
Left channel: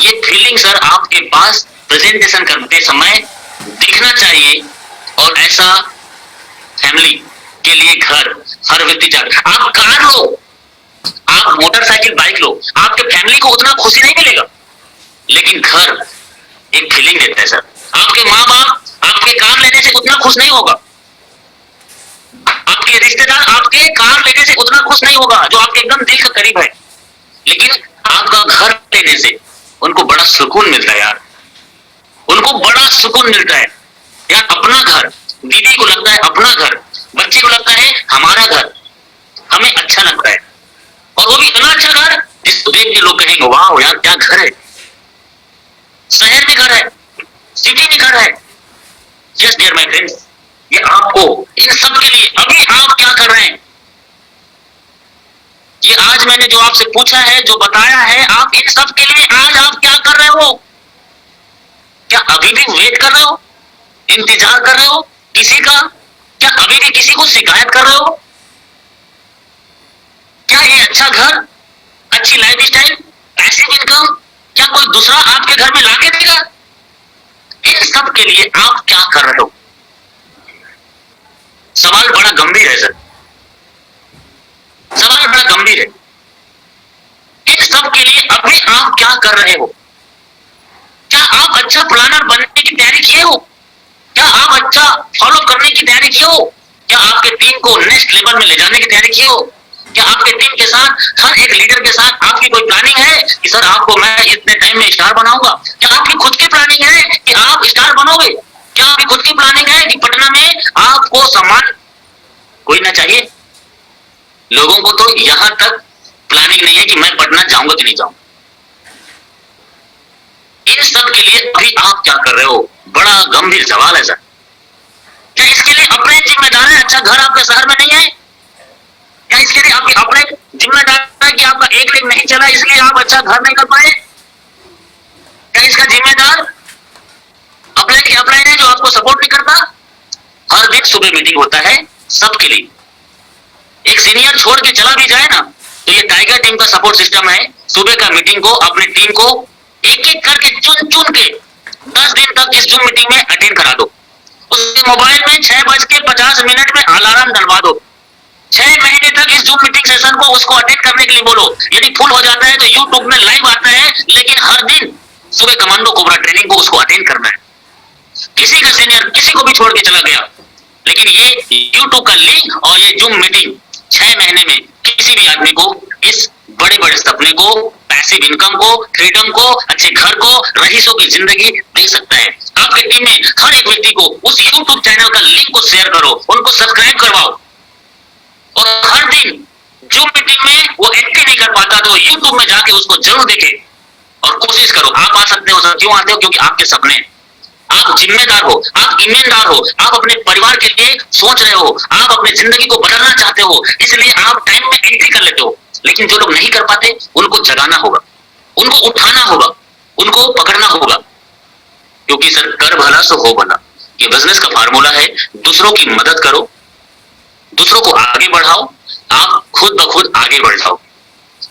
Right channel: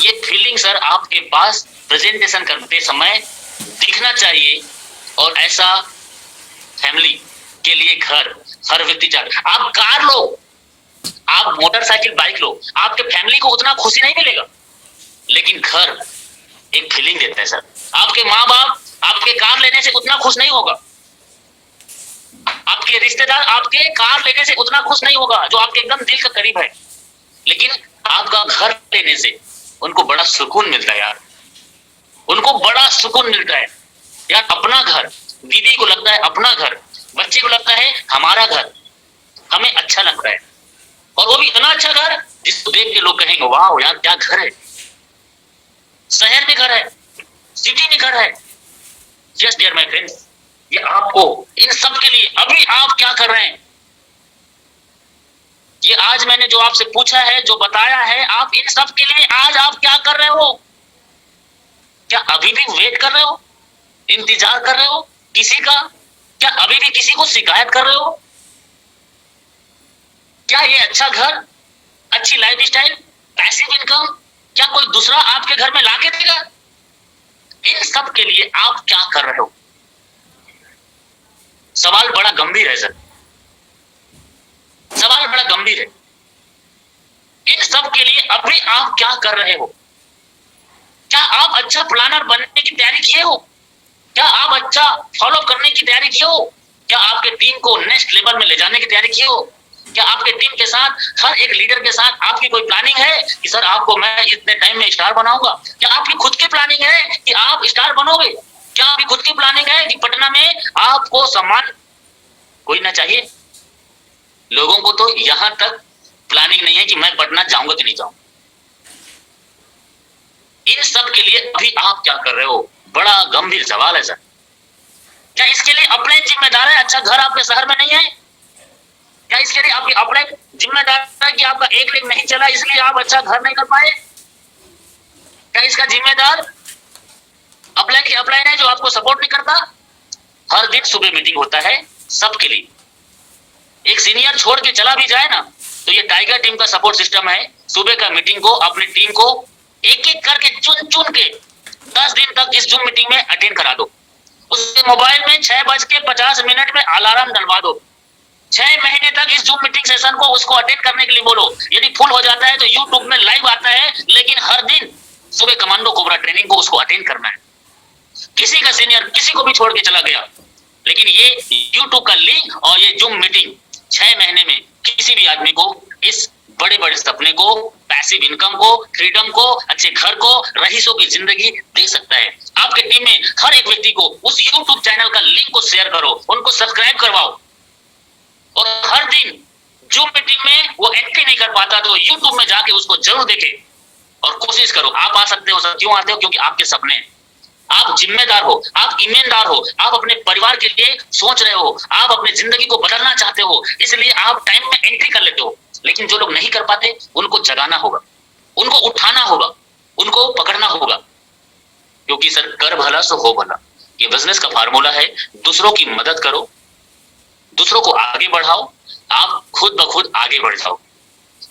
ये फीलिंग सर आपके पास प्रेजेंटेशन करते समय दिखना चाहिए, और ऐसा फैमिली के लिए घर हर व्यक्ति चाहता है। आप कार लो, आप मोटरसाइकिल बाइक लो, आपके फैमिली को उतना खुशी नहीं मिलेगा, लेकिन घर एक फीलिंग देता है सर। आपके माँ बाप आपके कार लेने से उतना खुश नहीं होगा, आपके रिश्तेदार आपके कार लेने से उतना खुश नहीं होगा जो आपके एकदम दिल के करीब है, लेकिन आपका घर लेने से उनको बड़ा सुकून मिलता है यार, उनको बड़ा सुकून मिलता है यार। अपना घर, दीदी को लगता है अपना घर, बच्चे को लगता है हमारा घर, हमें अच्छा लगता है। और वो भी इतना अच्छा घर जिसको देख के लोग कहेंगे वाह यार क्या घर है। शहर में घर है, सिटी में घर है। यस डियर माय फ्रेंड्स, ये आपको इन सब के लिए अभी आप क्या कर रहे हैं, ये आज मैंने जो आपसे पूछा है, जो बताया है, आप इन सब के लिए आज आप क्या कर रहे हो? क्या अभी भी वेट कर रहे हो, इंतजार कर रहे हो किसी का? क्या अभी भी किसी को शिकायत कर रहे हो? क्या ये अच्छा घर, अच्छी लाइफ स्टाइल, पैसिव इनकम क्या कोई दूसरा आपके घर में लाके देगा? इन सब के लिए आप क्या कर रहे हो? सवाल बड़ा गंभीर है सर, सवाल बड़ा गंभीर है। इन सब के लिए अभी आप क्या कर रहे हो? क्या आप अच्छा प्लानर बनने की तैयारी किए हो? क्या आप अच्छा फॉलो करने की तैयारी किए हो? क्या आपके टीम को नेक्स्ट लेवल में ले जाने की तैयारी किए हो? क्या आपके टीम के साथ, हर एक लीडर के साथ आपकी कोई प्लानिंग है कि सर आपको मैं इतने टाइम में स्टार बनाऊंगा? क्या आपकी खुद की प्लानिंग है कि आप स्टार बनोगे? क्या आपकी खुद की प्लानिंग है कि पटना में आपको सम्मान कोई ना चाहिए? लोगों को तो यहां तक प्लानिंग नहीं है कि मैं पटना जाऊंगा कि नहीं जाऊंगा। इन सब के लिए अभी आप क्या कर रहे हो? बड़ा गंभीर सवाल है सर। क्या इसके लिए अपने जिम्मेदार है? अच्छा घर आपके शहर में नहीं है? क्या इसके लिए आपकी अपने जिम्मेदार है कि आपका एक दिन नहीं चला इसलिए आप अच्छा घर नहीं कर पाए? क्या इसका जिम्मेदार अपलाइन है जो आपको सपोर्ट नहीं करता? हर दिन सुबह मीटिंग होता है सबके लिए। एक सीनियर छोड़ के चला भी जाए ना तो ये टाइगर टीम का सपोर्ट सिस्टम है। सुबह का मीटिंग को अपनी टीम को एक एक करके चुन चुन के 10 दिन तक इस जूम मीटिंग में अटेंड करा दो। उसके मोबाइल में 6:50 में अलार्म डलवा दो। 6 महीने तक इस जूम मीटिंग सेशन को उसको अटेंड करने के लिए बोलो। यदि फुल हो जाता है तो यूट्यूब में लाइव आता है, लेकिन हर दिन सुबह कमांडो कोबरा ट्रेनिंग को उसको अटेंड करना है। किसी का सीनियर किसी को भी छोड़ के चला गया, लेकिन ये यूट्यूब का लिंक और ये जूम मीटिंग 6 महीने में किसी भी आदमी को इस बड़े बड़े सपने को, पैसिव इनकम को, फ्रीडम को, अच्छे घर को, रईसों की जिंदगी दे सकता है। आपके टीम में हर एक व्यक्ति को उस यूट्यूब चैनल का लिंक को शेयर करो, उनको सब्सक्राइब करवाओ, और हर दिन जूम मीटिंग में वो एंट्री नहीं कर पाता तो यूट्यूब में जाके उसको जरूर देखे और कोशिश करो। आप आ सकते हो सर, क्यों आते हो? क्योंकि आपके सपने, आप जिम्मेदार हो, आप ईमानदार हो, आप अपने परिवार के लिए सोच रहे हो, आप अपनी जिंदगी को बदलना चाहते हो, इसलिए आप टाइम में एंट्री कर लेते हो। लेकिन जो लोग नहीं कर पाते उनको जगाना होगा, उनको उठाना होगा, उनको पकड़ना होगा, क्योंकि सर कर भला सो हो भला ये बिजनेस का फार्मूला है। दूसरों की मदद करो, दूसरों को आगे बढ़ाओ, आप खुद ब खुद आगे बढ़ जाओ।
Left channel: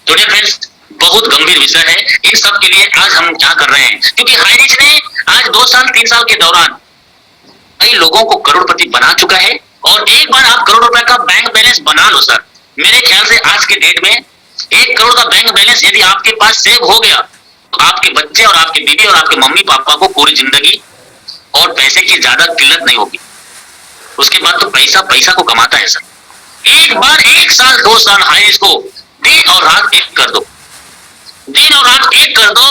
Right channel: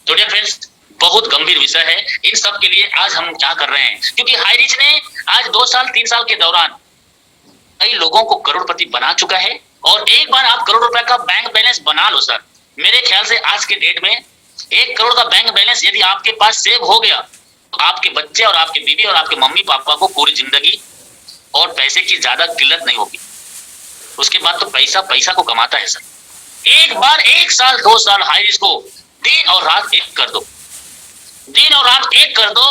तो फ्रेंड्स, बहुत गंभीर विषय है। इन सब के लिए आज हम क्या कर रहे हैं, क्योंकि हाईरिच ने आज 2 साल 3 साल के दौरान कई लोगों को करोड़पति बना चुका है। और एक बार आप करोड़ रुपए का बैंक बैलेंस बना लो सर, मेरे ख्याल से आज के डेट में 1 करोड़ का बैंक बैलेंस यदि आपके पास सेव हो गया तो आपके बच्चे और आपके बीवी और आपके मम्मी पापा को पूरी जिंदगी और पैसे की ज्यादा किल्लत नहीं होगी। उसके बाद तो पैसा पैसा को कमाता है सर। एक बार 1 साल 2 साल हाईरिच को दिन और रात एक कर दो, दिन और रात एक कर दो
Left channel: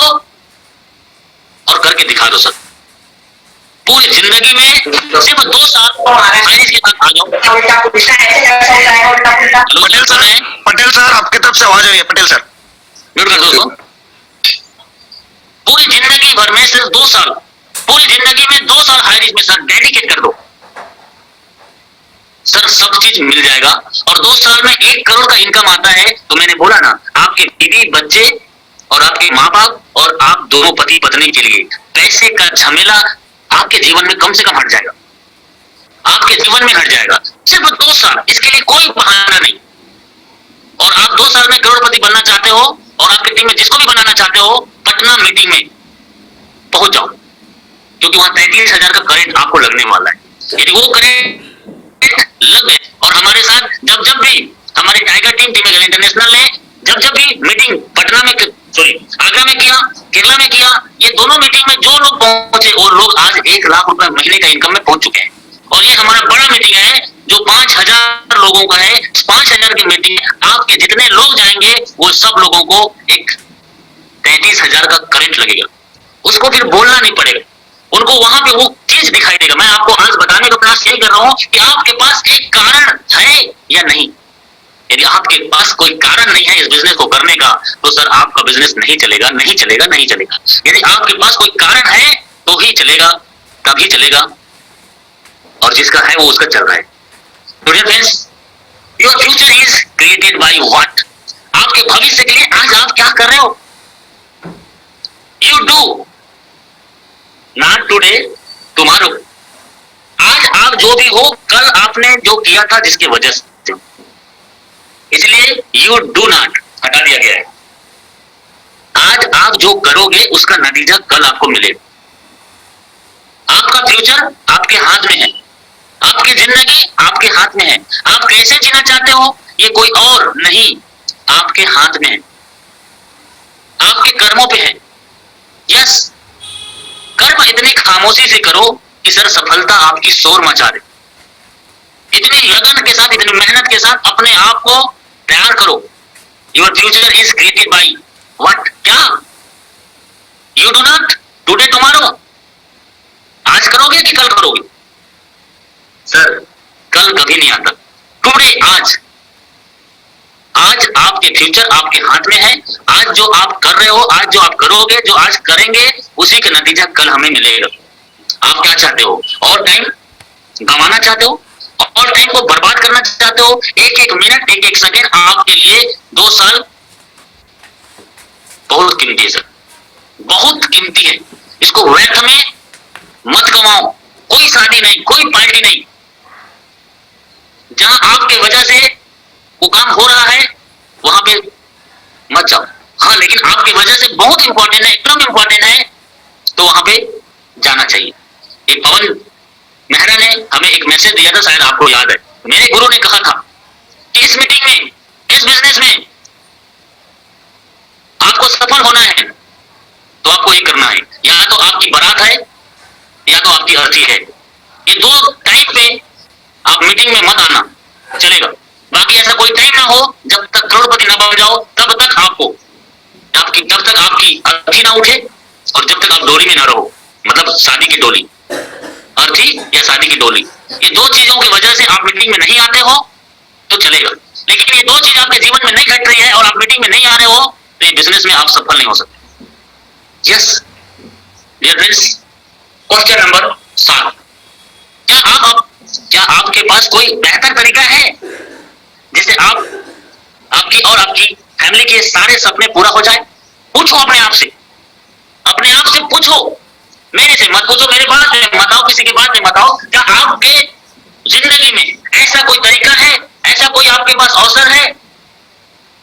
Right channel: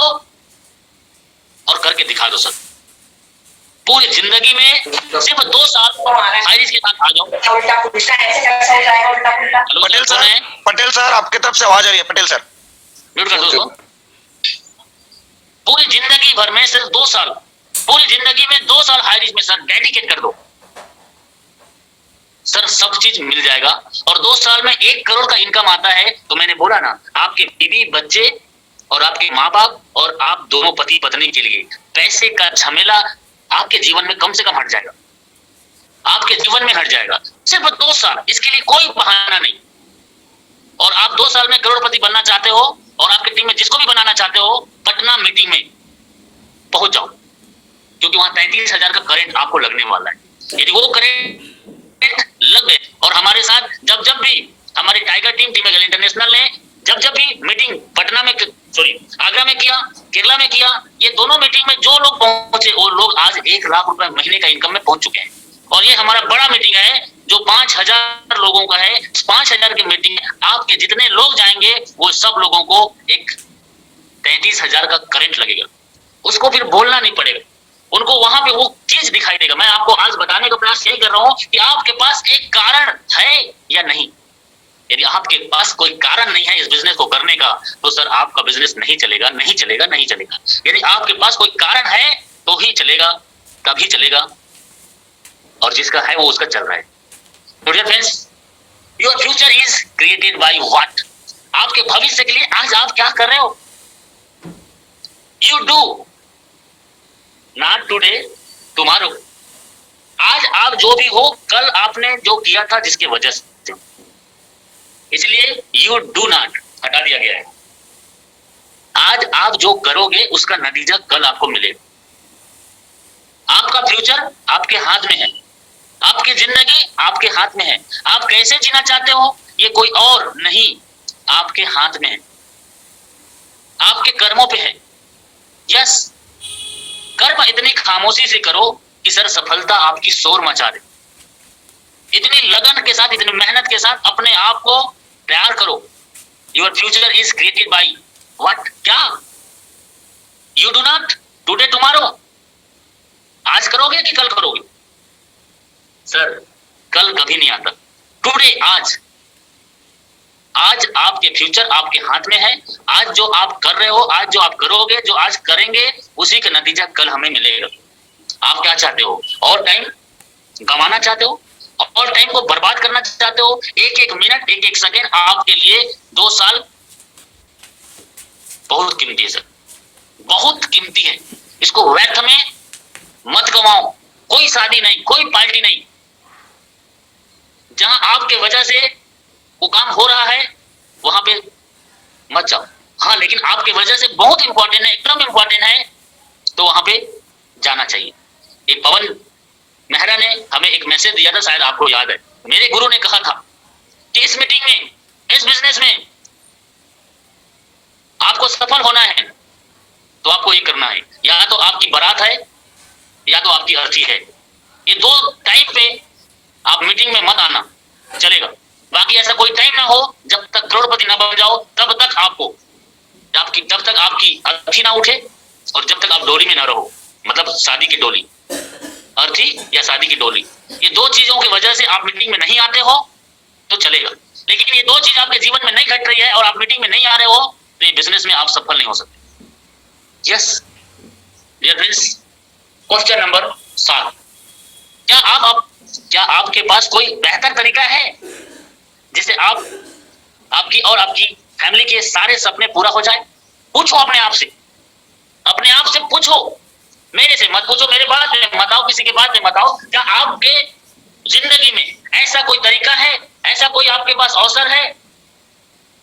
और करके दिखा दो सर। पूरी जिंदगी में सिर्फ 2 साल हाईरिच के साथ आ जाओ। पटेल सर आपकी तरफ से आवाज आ रही है। पटेल सर म्यूट कर दो उसको। पूरी जिंदगी भर में सिर्फ 2 साल, पूरी जिंदगी में 2 साल हाईरिच में सर डेडिकेट कर दो सर, सब चीज मिल जाएगा। और 2 साल में 1 करोड़ का इनकम आता है तो मैंने बोला ना, आपके बीवी बच्चे और आपके माँ बाप और आप दोनों पति पत्नी के लिए पैसे का झमेला आपके जीवन में कम से कम हट जाएगा, आपके जीवन में हट जाएगा। सिर्फ 2 साल, इसके लिए कोई बहाना नहीं। और आप 2 साल में करोड़पति बनना चाहते हो और आपकी टीम में जिसको भी बनाना चाहते हो, पटना मीटिंग में पहुंच जाओ, क्योंकि वहां 33,000 का करंट आपको लगने वाला है। यदि वो करंट लग गए और हमारे लोगों का है, 5,000 की मीटिंग, आपके जितने लोग जाएंगे वो सब लोगों को एक 33,000 का करंट लगेगा। उसको फिर बोलना नहीं पड़ेगा, उनको वहां पे वो चीज दिखाई देगा। मैं आपको आज बताने का प्रयास यही कर रहा हूं कि आपके पास एक कारण है या नहीं। यदि आपके पास कोई कारण नहीं है इस बिजनेस को करने का, तो सर आपका बिजनेस नहीं चलेगा, नहीं चलेगा, नहीं चलेगा। यदि आपके पास कोई कारण है तो ही चलेगा, तभी चलेगा, और जिसका है वो उसका चल रहा है। तो dear friends, your future is created by what. आपके भविष्य के लिए आज आप क्या कर रहे हो? You do not today, tomorrow. आज आप जो भी हो, कल आपने जो किया था जिसकी वजह से, इसलिए यू डू नॉट हटा दिया गया है। आज आप जो करोगे उसका नतीजा कल आपको मिलेगा। आपका फ्यूचर आपके हाथ में है, आपकी जिंदगी आपके हाथ में है। आप कैसे जीना चाहते हो ये कोई और नहीं, आपके हाथ में है, आपके कर्मों पे है। यस, कर्म इतनी खामोशी से करो कि सर सफलता आपकी शोर मचा दे। इतनी लगन के साथ, इतनी मेहनत के साथ अपने आप को तैयार करो। Your future is created by what. क्या? You do not today tomorrow. आज करोगे कि कल करोगे? सर कल कभी नहीं आता, टुडे, आज। आज आपके फ्यूचर आपके हाथ में है। आज जो आप कर रहे हो, आज जो आप करोगे, जो आज करेंगे, उसी का नतीजा कल हमें मिलेगा। आप क्या चाहते हो? और टाइम गंवाना चाहते हो? और टाइम को बर्बाद करना चाहते हो? एक एक मिनट, एक एक सेकेंड आपके लिए 2 साल बहुत कीमती है सर, बहुत कीमती है। इसको व्यर्थ में मत कमाओ। कोई शादी नहीं, कोई पार्टी नहीं, जहां आपके वजह से वो काम हो रहा है वहां पे मत जाओ। हाँ, लेकिन आपकी वजह से बहुत इंपॉर्टेंट है, एकदम इंपॉर्टेंट है, तो वहां पे जाना चाहिए। एक पवन मेहरा ने हमें एक मैसेज दिया था, शायद आपको याद है। मेरे गुरु ने कहा था कि इस मीटिंग में, इस बिजनेस में आपको सफल होना है तो आपको ये करना है, या तो आपकी बारात है या तो आपकी अर्थी है। ये 2 टाइम पे आप मीटिंग में मत आना, चलेगा। बाकी ऐसा कोई टाइम ना हो जब तक करोड़पति ना बन जाओ, तब तक आपको, जब तक आपकी अर्थी ना उठे और जब तक आप डोली में ना रहो, मतलब शादी की डोली, अर्थी या शादी की डोली, ये 2 चीजों की वजह से आप मीटिंग में नहीं आते हो तो चलेगा। लेकिन ये 2 चीज आपके जीवन में नहीं घट रही है और आप मीटिंग में नहीं आ रहे हो, तो ये बिजनेस में आप सफल नहीं हो सकते। Yes dear friends, question number 7, क्या आपके पास कोई बेहतर तरीका है जिससे आपकी और आपकी फैमिली के सारे सपने पूरा हो जाए? पूछो अपने आप से, अपने आप से पूछो। मेरे से मत पूछो, मेरे बात में मत आओ, किसी की बात में मत आओ। क्या आपके जिंदगी में ऐसा कोई तरीका है, ऐसा कोई आपके पास अवसर है,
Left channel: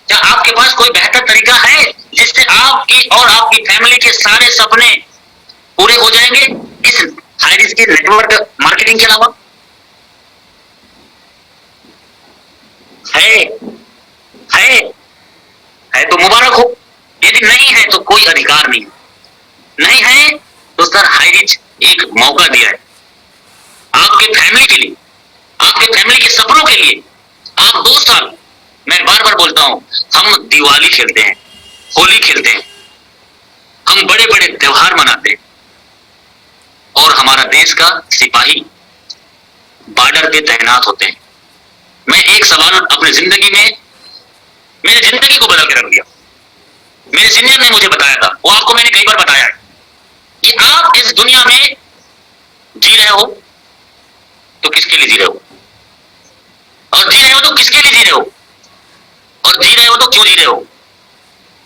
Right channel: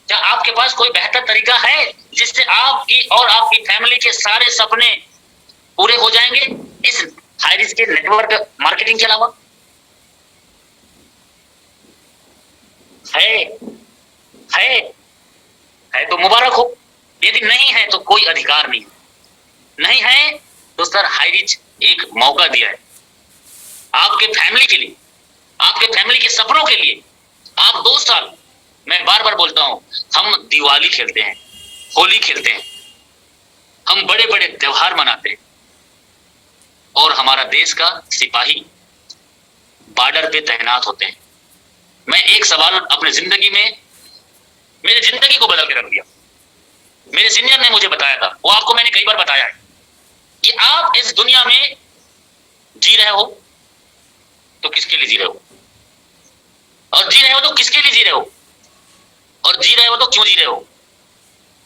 क्या आपके पास कोई बेहतर तरीका है जिससे आपकी और आपकी फैमिली के सारे सपने पूरे हो जाएंगे इस हाई रिस्क नेटवर्क मार्केटिंग के अलावा? है तो मुबारक हो, यदि नहीं है तो कोई अधिकार नहीं। नहीं है तो सर हाई रिच एक मौका दिया है आपके फैमिली के लिए, आपके फैमिली के सपनों के लिए। आप 2 साल, मैं बार बार बोलता हूं, हम दिवाली खेलते हैं, होली खेलते हैं, हम बड़े बड़े त्योहार मनाते हैं, और हमारा देश का सिपाही बॉर्डर पे तैनात होते हैं। मैं एक सवाल अपनी जिंदगी में, मेरी जिंदगी को बदल के रख दिया। मेरे सीनियर ने मुझे बताया था, वो आपको मैंने कई बार बताया है, कि आप इस दुनिया में जी रहे हो तो किसके लिए जी रहे हो, और जी रहे हो तो किसके लिए जी रहे हो, और जी रहे हो तो क्यों जी रहे हो।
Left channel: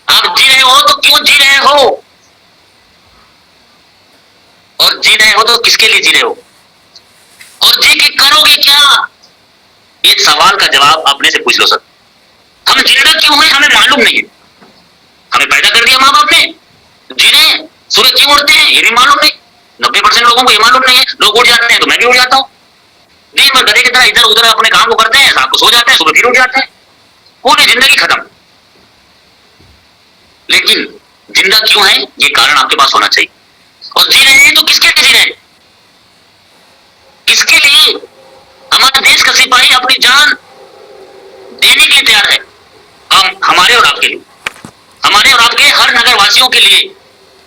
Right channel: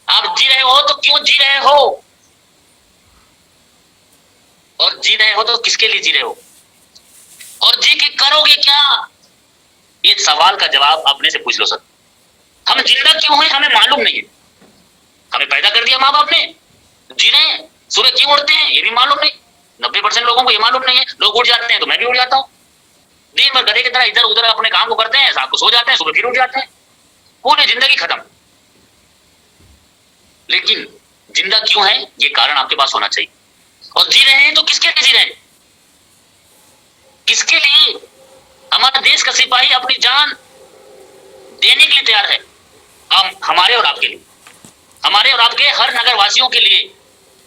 आप जी रहे हो तो क्यों जी रहे हो, और जी रहे हो तो किसके लिए जी रहे हो, और जी के करोगे क्या? ये सवाल का जवाब अपने से पूछ लो सर। हम जिंदा क्यों है हमें मालूम नहीं है। हमें पैदा कर दिया माँ बाप ने, जी रहे हैं, सुबह क्यों उठते हैं ये भी मालूम नहीं। 90% लोगों को ये मालूम नहीं है। लोग उठ जाते हैं तो मैं भी उठ जाता हूँ, दिन भर गधे की तरह इधर उधर अपने काम को करते हैं, शाम को सो जाते हैं, सुबह फिर उठ जाते हैं, पूरी जिंदगी खत्म। लेकिन जिंदा क्यों है ये कारण आपके पास होना चाहिए। और जी रहे हैं तो किसके लिए जी रहे हैं, किसके लिए? हमारे देश का सिपाही अपनी जान के लिए तैयार है। हम हमारे और आपके लिए, हमारे और आपके हर नगर वासियों के लिए,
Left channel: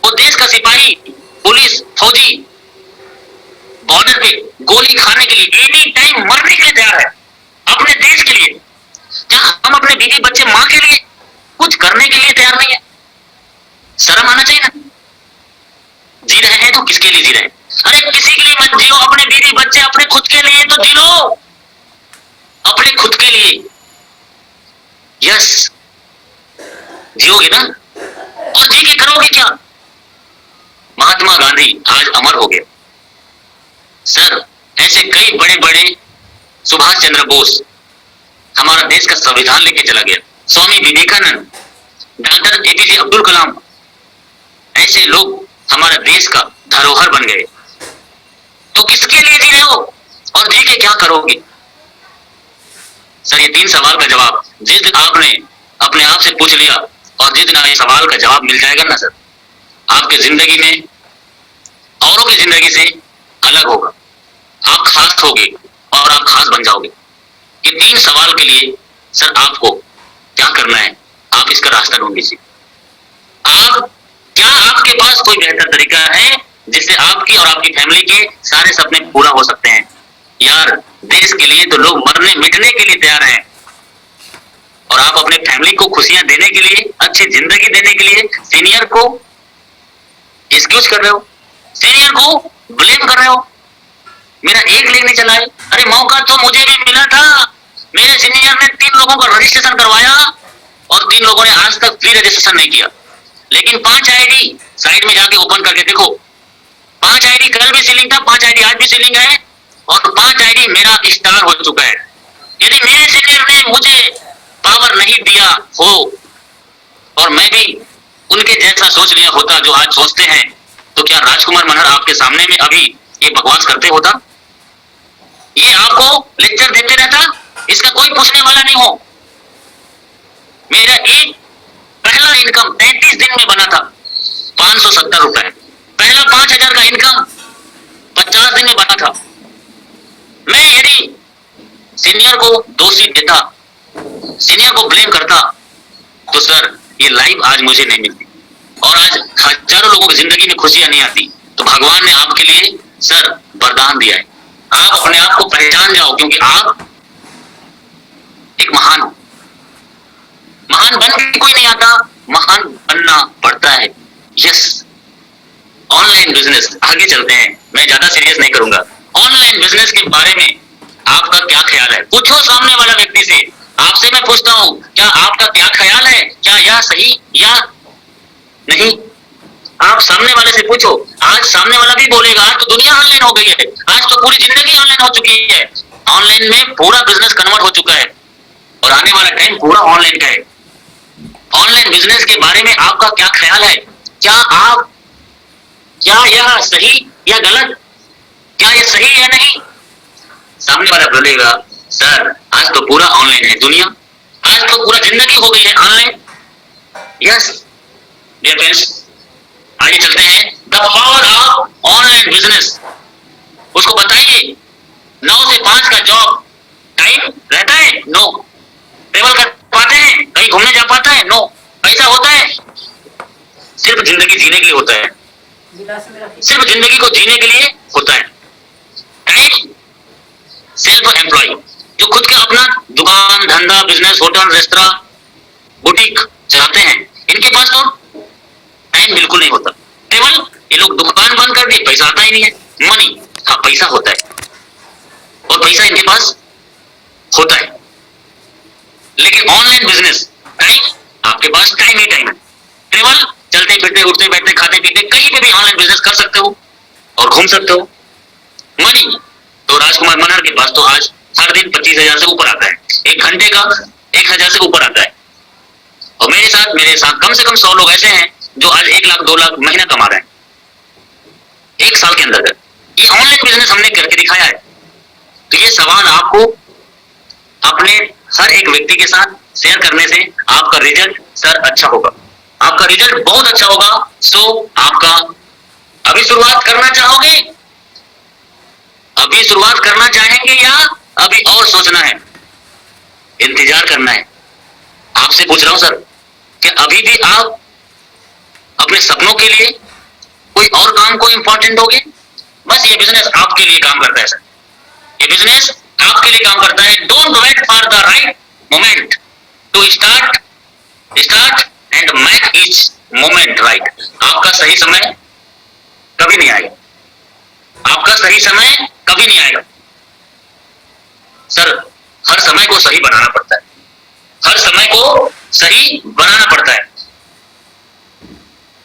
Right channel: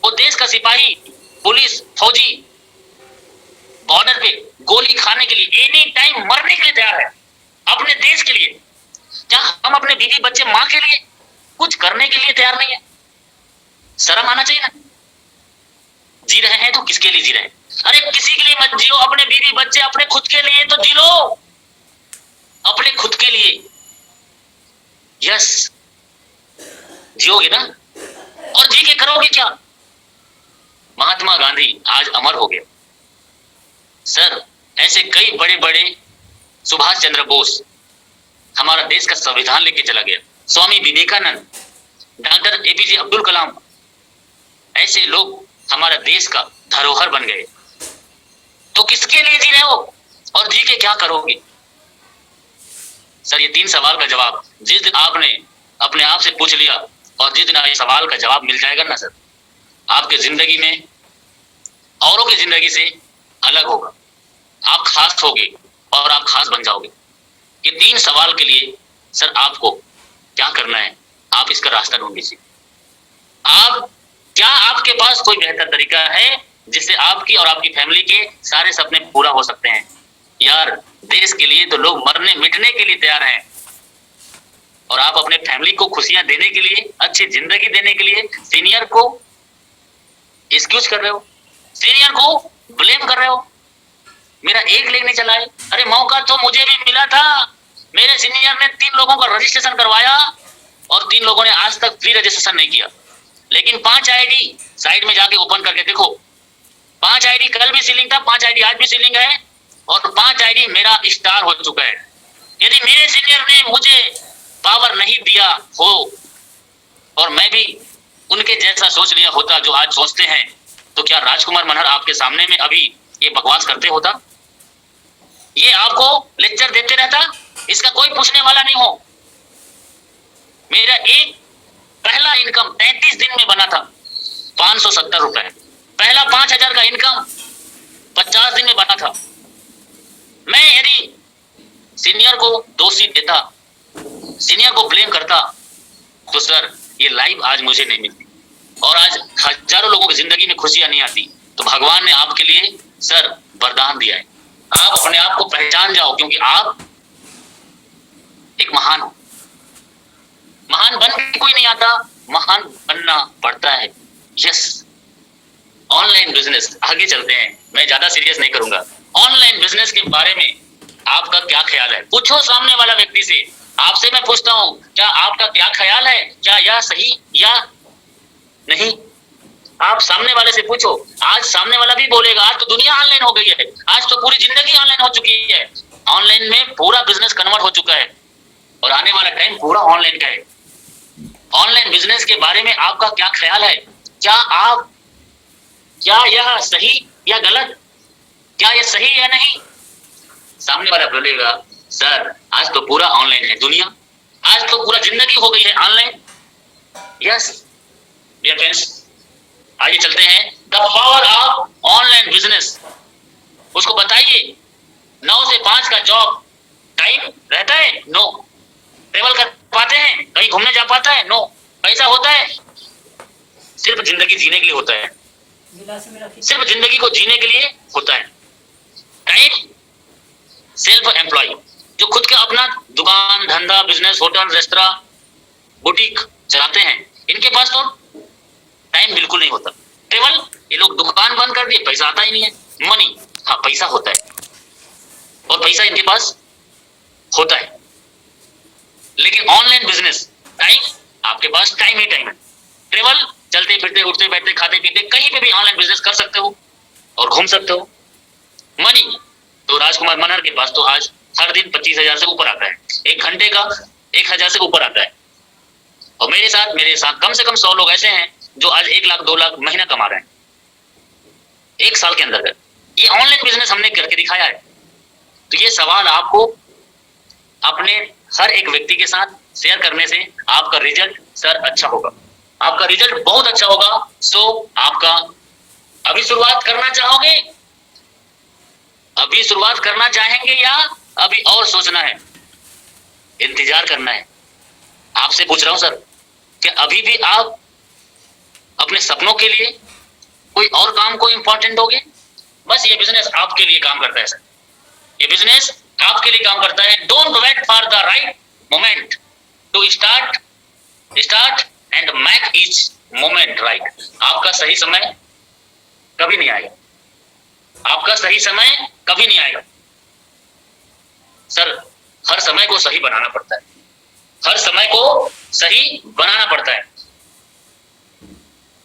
वो देश का सिपाही, पुलिस, फौजी बॉर्डर पे गोली खाने के लिए, एनी टाइम मरने के लिए तैयार है अपने देश के लिए। क्या हम अपने बीवी बच्चे माँ के लिए कुछ करने के लिए तैयार नहीं है? शर्म आना चाहिए ना। जी रहे हैं तो किसके लिए जी रहे हैं? अरे किसी के लिए मत जियो, अपने बीवी बच्चे, अपने खुद के लिए तो जी लो, अपने खुद के लिए। यस, जियोगे ना? और जी के करोगे क्या? महात्मा गांधी आज अमर हो गए सर। ऐसे कई बड़े बड़े, सुभाष चंद्र बोस हमारा देश का संविधान लेके चला गया, स्वामी विवेकानंद, डॉक्टर एपीजे अब्दुल कलाम, ऐसे लोग हमारे देश का धरोहर बन गए। तो किसके लिए जी रहे हो और जी के क्या करोगे? सर ये 3 सवाल का जवाब जिस दिन आपने अपने आप से पूछ लिया और जिस दिन ये सवाल का जवाब मिल जाएगा ना सर, आपके जिंदगी में औरों की जिंदगी से अलग होगा। आप खास होगे और आप खास बन जाओगे। ये 3 सवाल के लिए सर आपको क्या करना है, आप इसका रास्ता ढूंढ लीजिए। आप क्या आपके पास कोई बेहतर तरीका है जिससे आपकी और आपकी फैमिली के सारे सपने पूरा हो सकते हैं? यार देश के लिए तो लोग मरने मिटने के लिए तैयार हैं, और आप अपने फैमिली को खुशियां देने के लिए, अच्छी जिंदगी देने के लिए सीनियर को एक्सक्यूज कर रहे हो, सीनियर को ब्लेम कर रहे हो। मेरा एक लेग नहीं चला है। अरे मौका तो मुझे भी मिला था, मेरे सीनियर ने 3 लोगों का रजिस्ट्रेशन करवाया और 3 लोगों ने आज तक फ्री रजिस्ट्रेशन नहीं किया। लेकिन 5 आईडी साइड में जाके ओपन करके देखो, 5 आईडी कल भी सीलिंग था, 5 आईडी आज भी सीलिंग है, और 5 आईडी मेरा स्टार हो चुका है। यदि मेरे सीनियर ने मुझे पावर नहीं दिया हो और मैं भी उनके जैसा सोच लिया होता जो आज सोचते हैं, तो क्या राजकुमार मनहर आपके सामने में अभी ये बकवास करते होता? ये आपको लेक्चर देते रहता? इसका कोई पूछने वाला नहीं हो। मेरा एक पहला इनकम 33 दिन में बना था, 570 रुपए। पहला 5000 का इनकम 50 दिन में बना था। मैं यदि सीनियर को दोषी देता, सीनियर को ब्लेम करता, तो सर ये लाइफ आज मुझे नहीं मिलती और आज हजारों लोगों की जिंदगी में खुशियां नहीं आती। तो भगवान ने आपके लिए सर वरदान दिया है। आप अपने आप को पहचान जाओ, क्योंकि आप एक महान हो। महान बन के कोई नहीं आता, महान बनना पड़ता है। यस, ऑनलाइन बिजनेस, आगे चलते हैं, मैं ज्यादा सीरियस नहीं करूंगा। ऑनलाइन बिजनेस के बारे में आपका क्या ख्याल है? पूछो सामने वाला व्यक्ति से। आपसे मैं पूछता हूं, क्या आपका क्या ख्याल है? क्या यह सही या नहीं? आप सामने वाले से पूछो। आज सामने वाला भी बोलेगा आज तो दुनिया ऑनलाइन हो गई है, आज तो पूरी जिंदगी ऑनलाइन हो चुकी है, ऑनलाइन में पूरा बिजनेस कन्वर्ट हो चुका है और आने वाला टाइम पूरा ऑनलाइन का है। ऑनलाइन बिजनेस के बारे में आपका क्या ख्याल है? क्या यह सही या गलत? क्या यह सही है नहीं? सामने वाला बोलेगा सर आज तो पूरा ऑनलाइन है दुनिया, आज तो पूरा जिंदगी हो गई है ऑनलाइन। यस डियर फ्रेंड्स, आगे चलते हैं। The power of online business, उसको बताइए। 9 से 5 का जॉब टाइम रहता है? नो। ट्रेवल कर पाते हैं? कहीं घूमने जा पाता है? नो। पैसा होता है? सिर्फ जिंदगी जीने के लिए होता है, सिर्फ जिंदगी को जीने के लिए होता है। टाइम सेल्फ एम्प्लॉय, जो खुद का अपना दुकान, धंधा, बिजनेस, होटल, रेस्तरा, बुटीक चलाते हैं, इनके पास तो टाइम बिल्कुल नहीं होता। केवल ये लोग दुकान बंद कर दी, पैसा आता ही नहीं है। मनी, हाँ पैसा होता है और पैसा इनके पास होता है, लेकिन ऑनलाइन बिजनेस टाइम, आपके पास टाइम ही टाइम है। केवल चलते फिरते, उठते बैठते, खाते पीते, कहीं पे भी ऑनलाइन बिजनेस कर सकते हो और घूम सकते हो। मनी तो राजकुमार मनहर के पास तो आज हर दिन 25,000 से ऊपर आता है, 1 घंटे का 1,000 से ऊपर आता है। और मेरे साथ कम से कम 100 लोग ऐसे हैं जो आज 1 लाख 2 लाख महीना कमा रहे हैं 1 साल के अंदर। ये ऑनलाइन बिजनेस हमने करके दिखाया है। तो ये सवाल आपको अपने हर एक व्यक्ति के साथ शेयर करने से आपका रिजल्ट सर अच्छा होगा, आपका रिजल्ट बहुत अच्छा होगा। सो आपका अभी शुरुआत करना चाहोगे? अभी शुरुआत करना चाहेंगे या अभी और सोचना है, इंतजार करना है? आपसे पूछ रहा हूं सर कि अभी भी आप अपने सपनों के लिए कोई और काम को इंपॉर्टेंट दोगे? बस ये बिजनेस आपके लिए काम करता है सर, ये बिजनेस आपके लिए काम करता है। Don't wait for the right moment to start and make each moment right. आपका सही समय कभी नहीं आएगा, आपका सही समय कभी नहीं आएगा सर। हर समय को सही बनाना पड़ता है, हर समय को सही बनाना पड़ता है।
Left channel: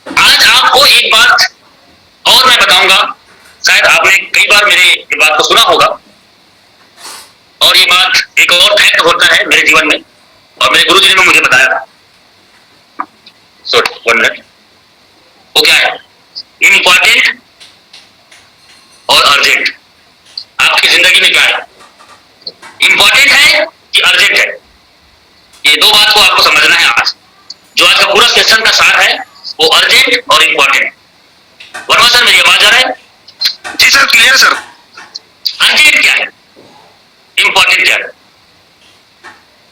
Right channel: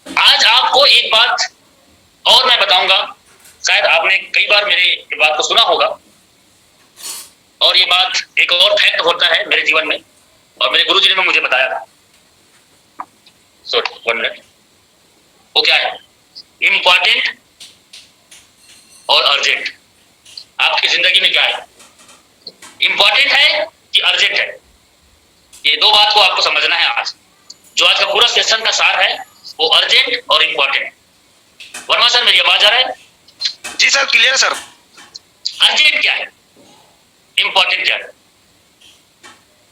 आज आपको एक बात और मैं बताऊंगा, शायद आपने कई बार मेरे ये बात को सुना होगा, और ये बात एक और फैक्ट होता है मेरे जीवन में, और मेरे गुरुजी ने मुझे बताया था। Sorry 1 minute. वो क्या है? इम्पोर्टेंट और अर्जेंट। आपकी जिंदगी में क्या है? इंपॉर्टेंट है कि अर्जेंट है? ये दो बात को आपको समझना है। आज जो आज का पूरा सेशन का सार है वो अर्जेंट और इंपॉर्टेंट। वर्मा सर, मेरी आवाज आ रहा है? जी सर, क्लियर सर। अर्जेंट क्या है, इंपॉर्टेंट क्या है?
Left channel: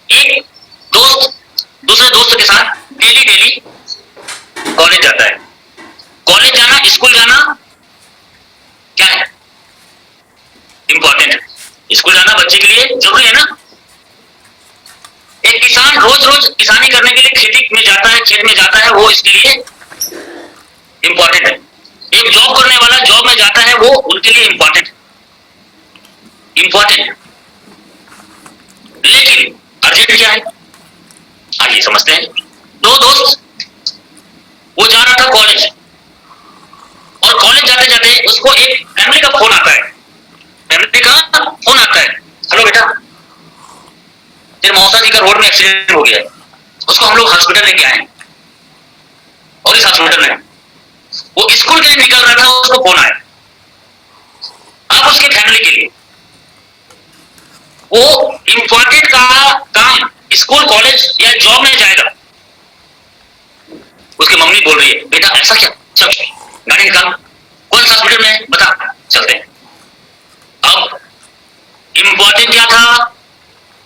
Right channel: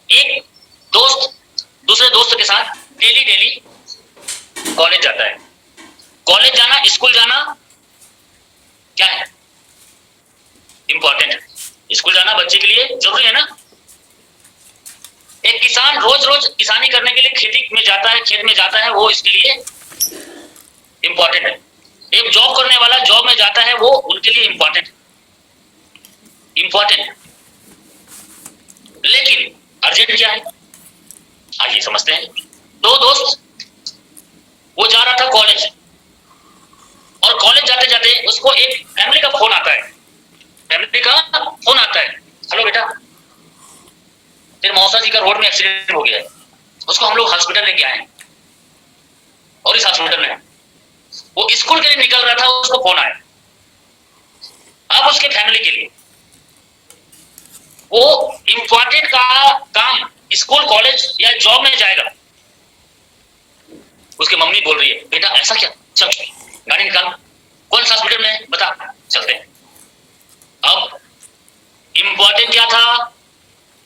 एक दोस्त दूसरे दोस्त के साथ डेली कॉलेज जाता है। कॉलेज जाना, स्कूल जाना क्या है? इंपॉर्टेंट है। स्कूल जाना बच्चे के लिए जरूरी है ना। एक किसान रोज किसानी करने के लिए खेती में जाता है, खेत में जाता है, वो इसके लिए इंपॉर्टेंट है। एक जॉब करने वाला जॉब में जाता है, वो उनके लिए इंपॉर्टेंट लेकिन अर्जेंट क्या है? आइए समझते हैं। दो दोस्त, वो जा रहा था कॉलेज, और कॉलेज जाते जाते उसको एक फैमिली का फोन आता है। हेलो बेटा, तेरे मौसा जी का रोड में एक्सीडेंट हो गया है, उसको हम लोग हॉस्पिटल लेके आए, और इस हॉस्पिटल में वो स्कूल के लिए निकल रहा था, उसको फोन आया। अब उसकी फैमिली के लिए वो इंपॉर्टेंट का काम स्कूल, कॉलेज या जॉब में जाएगा। उसकी मम्मी बोल रही है, बेटा ऐसा क्या, चल गाड़ी निकाल, कौन सा हॉस्पिटल में बता, चलते हैं। अब इंपॉर्टेंट क्या था?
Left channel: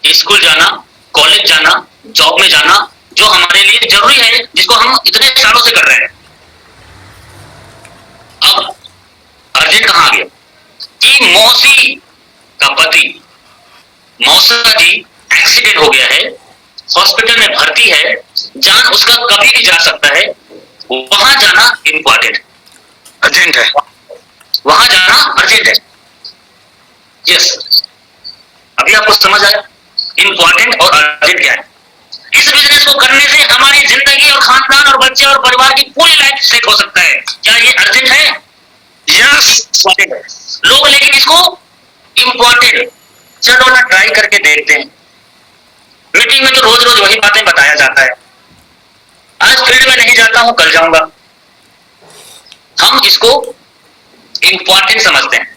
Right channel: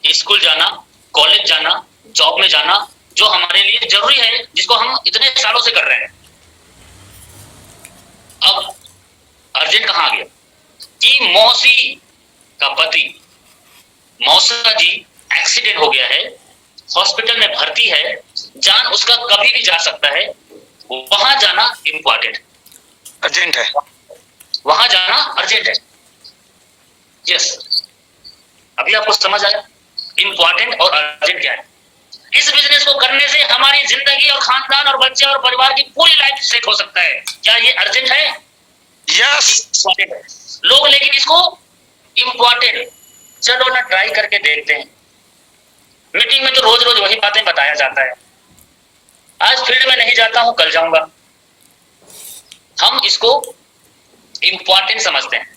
स्कूल जाना, कॉलेज जाना, जॉब में जाना, जो हमारे लिए जरूरी है, जिसको हम इतने सालों से कर रहे हैं। अब अर्जेंट कहां आ गया कि मौसी का पति, मौसा जी एक्सीडेंट हो गया है, हॉस्पिटल में भर्ती है, जान उसका कभी भी जा सकता है, वहां जाना इंपॉर्टेंट अर्जेंट है, वहां जाना अर्जेंट है। यस, अभी आपको समझ आया इंपॉर्टेंट और अर्जेंट क्या है? इस बिजनेस को करने से हमारी जिंदगी और खानदान और बच्चे और परिवार की पूरी लाइफ सेट हो सकता है। क्या ये अर्जेंट है? यस। लोग लेकिन इसको इंपॉर्टेंट, चलो ना ट्राई करके देखते हैं। मीटिंग में तो रोज वही बातें बताया जाता है। आज फील्ड में नहीं जाता हूं, कल जाऊंगा। हम इसको इंपॉर्टेंट समझते हैं,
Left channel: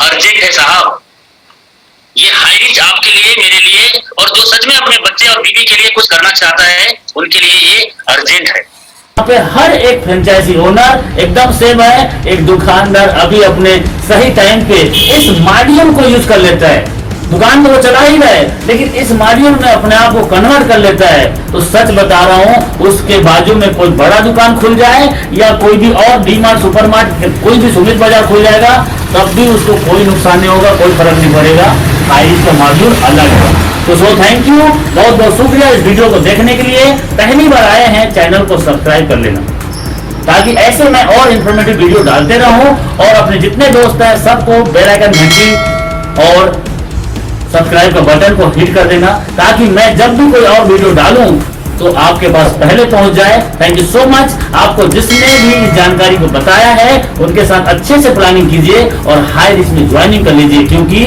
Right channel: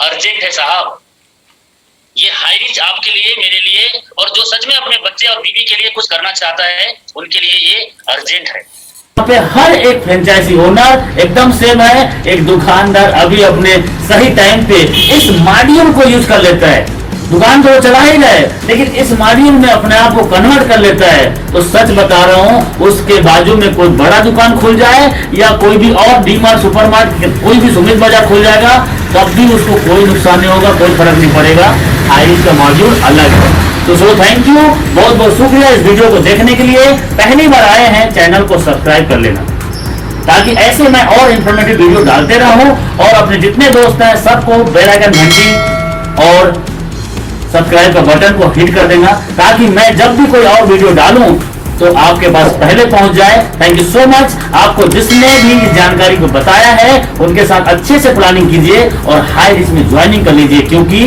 अर्जेंट है साहब। ये हाई रिच आपके लिए, मेरे लिए, और जो सच में अपने बच्चे और बीवी के लिए कुछ करना चाहता है, उनके लिए ये अर्जेंट है। यहाँ पे हर एक फ्रेंचाइजी ओनर एकदम सेम है। एक दुकानदार अभी अपने सही टाइम पे इस माध्यम को यूज कर लेता है। दुकान तो वो चला ही रहा है, लेकिन इस माध्यम में अपने आप को कन्वर्ट कर लेता है। तो सच बता रहा हूँ, उसके बाजू में कोई बड़ा दुकान खुल जाए या कोई भी और डी-मार्ट, सुपर मार्केट, कोई भी सुमित बाजार खुल जाएगा, तब भी उसको कोई नुकसान नहीं होगा, कोई फर्क नहीं पड़ेगा। हाई का मॉड्यूल अलग है। तो सो थैंक यू, बहुत बहुत शुक्रिया इस वीडियो को देखने के लिए। पहली बार आए हैं, चैनल को सब्सक्राइब कर लेना, ताकि ऐसे मैं और इंफॉर्मेटिव वीडियो डालते रहूं। और अपने जितने दोस्त हैं सबको बेल आइकन घंटी और सब्सक्राइब का बटन को हिट कर देना, ताकि मैं जब भी कोई और वीडियो डालूं तो आपके पास पहले पहुंच जाए। Thank you so much. आपको जिसने भी इस जानकारी को बताया है उनके साथ अच्छे से प्लानिंग कीजिए और हाई रिच में ज्वाइनिंग कर लीजिए, क्योंकि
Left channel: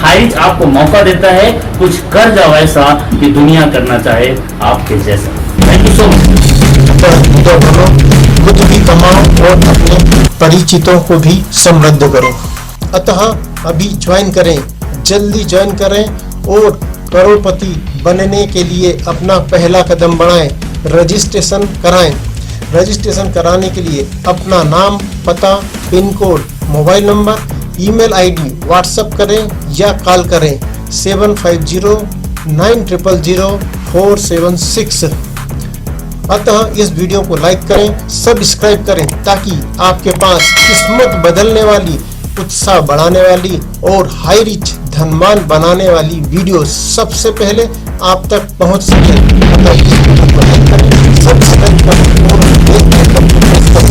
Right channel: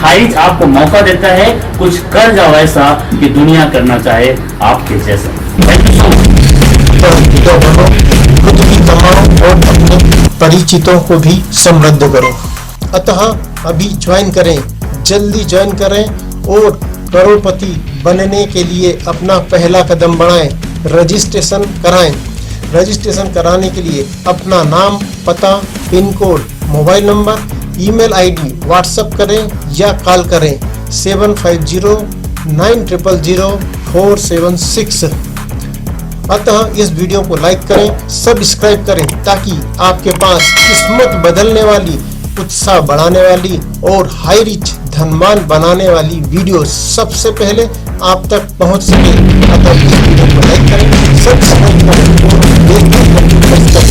हाई रिच आपको मौका देता है कुछ कर जाओ ऐसा कि दुनिया करना चाहे आपके जैसा। Thank you so much. तो बनो, खुद भी कमाओ और अपने परिचितों को भी समृद्ध करो। अतः अभी ज्वाइन करें, जल्दी ज्वाइन करें और करोड़पति बनने के लिए अपना पहला कदम बढ़ाएं। रजिस्ट्रेशन कराएं। रजिस्ट्रेशन कराने के लिए अपना नाम, पता, pin code, mobile number, email ID WhatsApp करें या कॉल करें 7509 900476। अतः इस वीडियो को लाइक करें, सब्सक्राइब करें ताकि आपके पास किस्मत बदलने वाली, उत्साह बढ़ाने वाली और हाई रिच धनवान बनाने वाली वीडियो सबसे पहले आप तक पहुंच सके। अतः इस वीडियो को लाइक करें, सब्सक्राइब करें और बेल आइकन को प्रेस करें।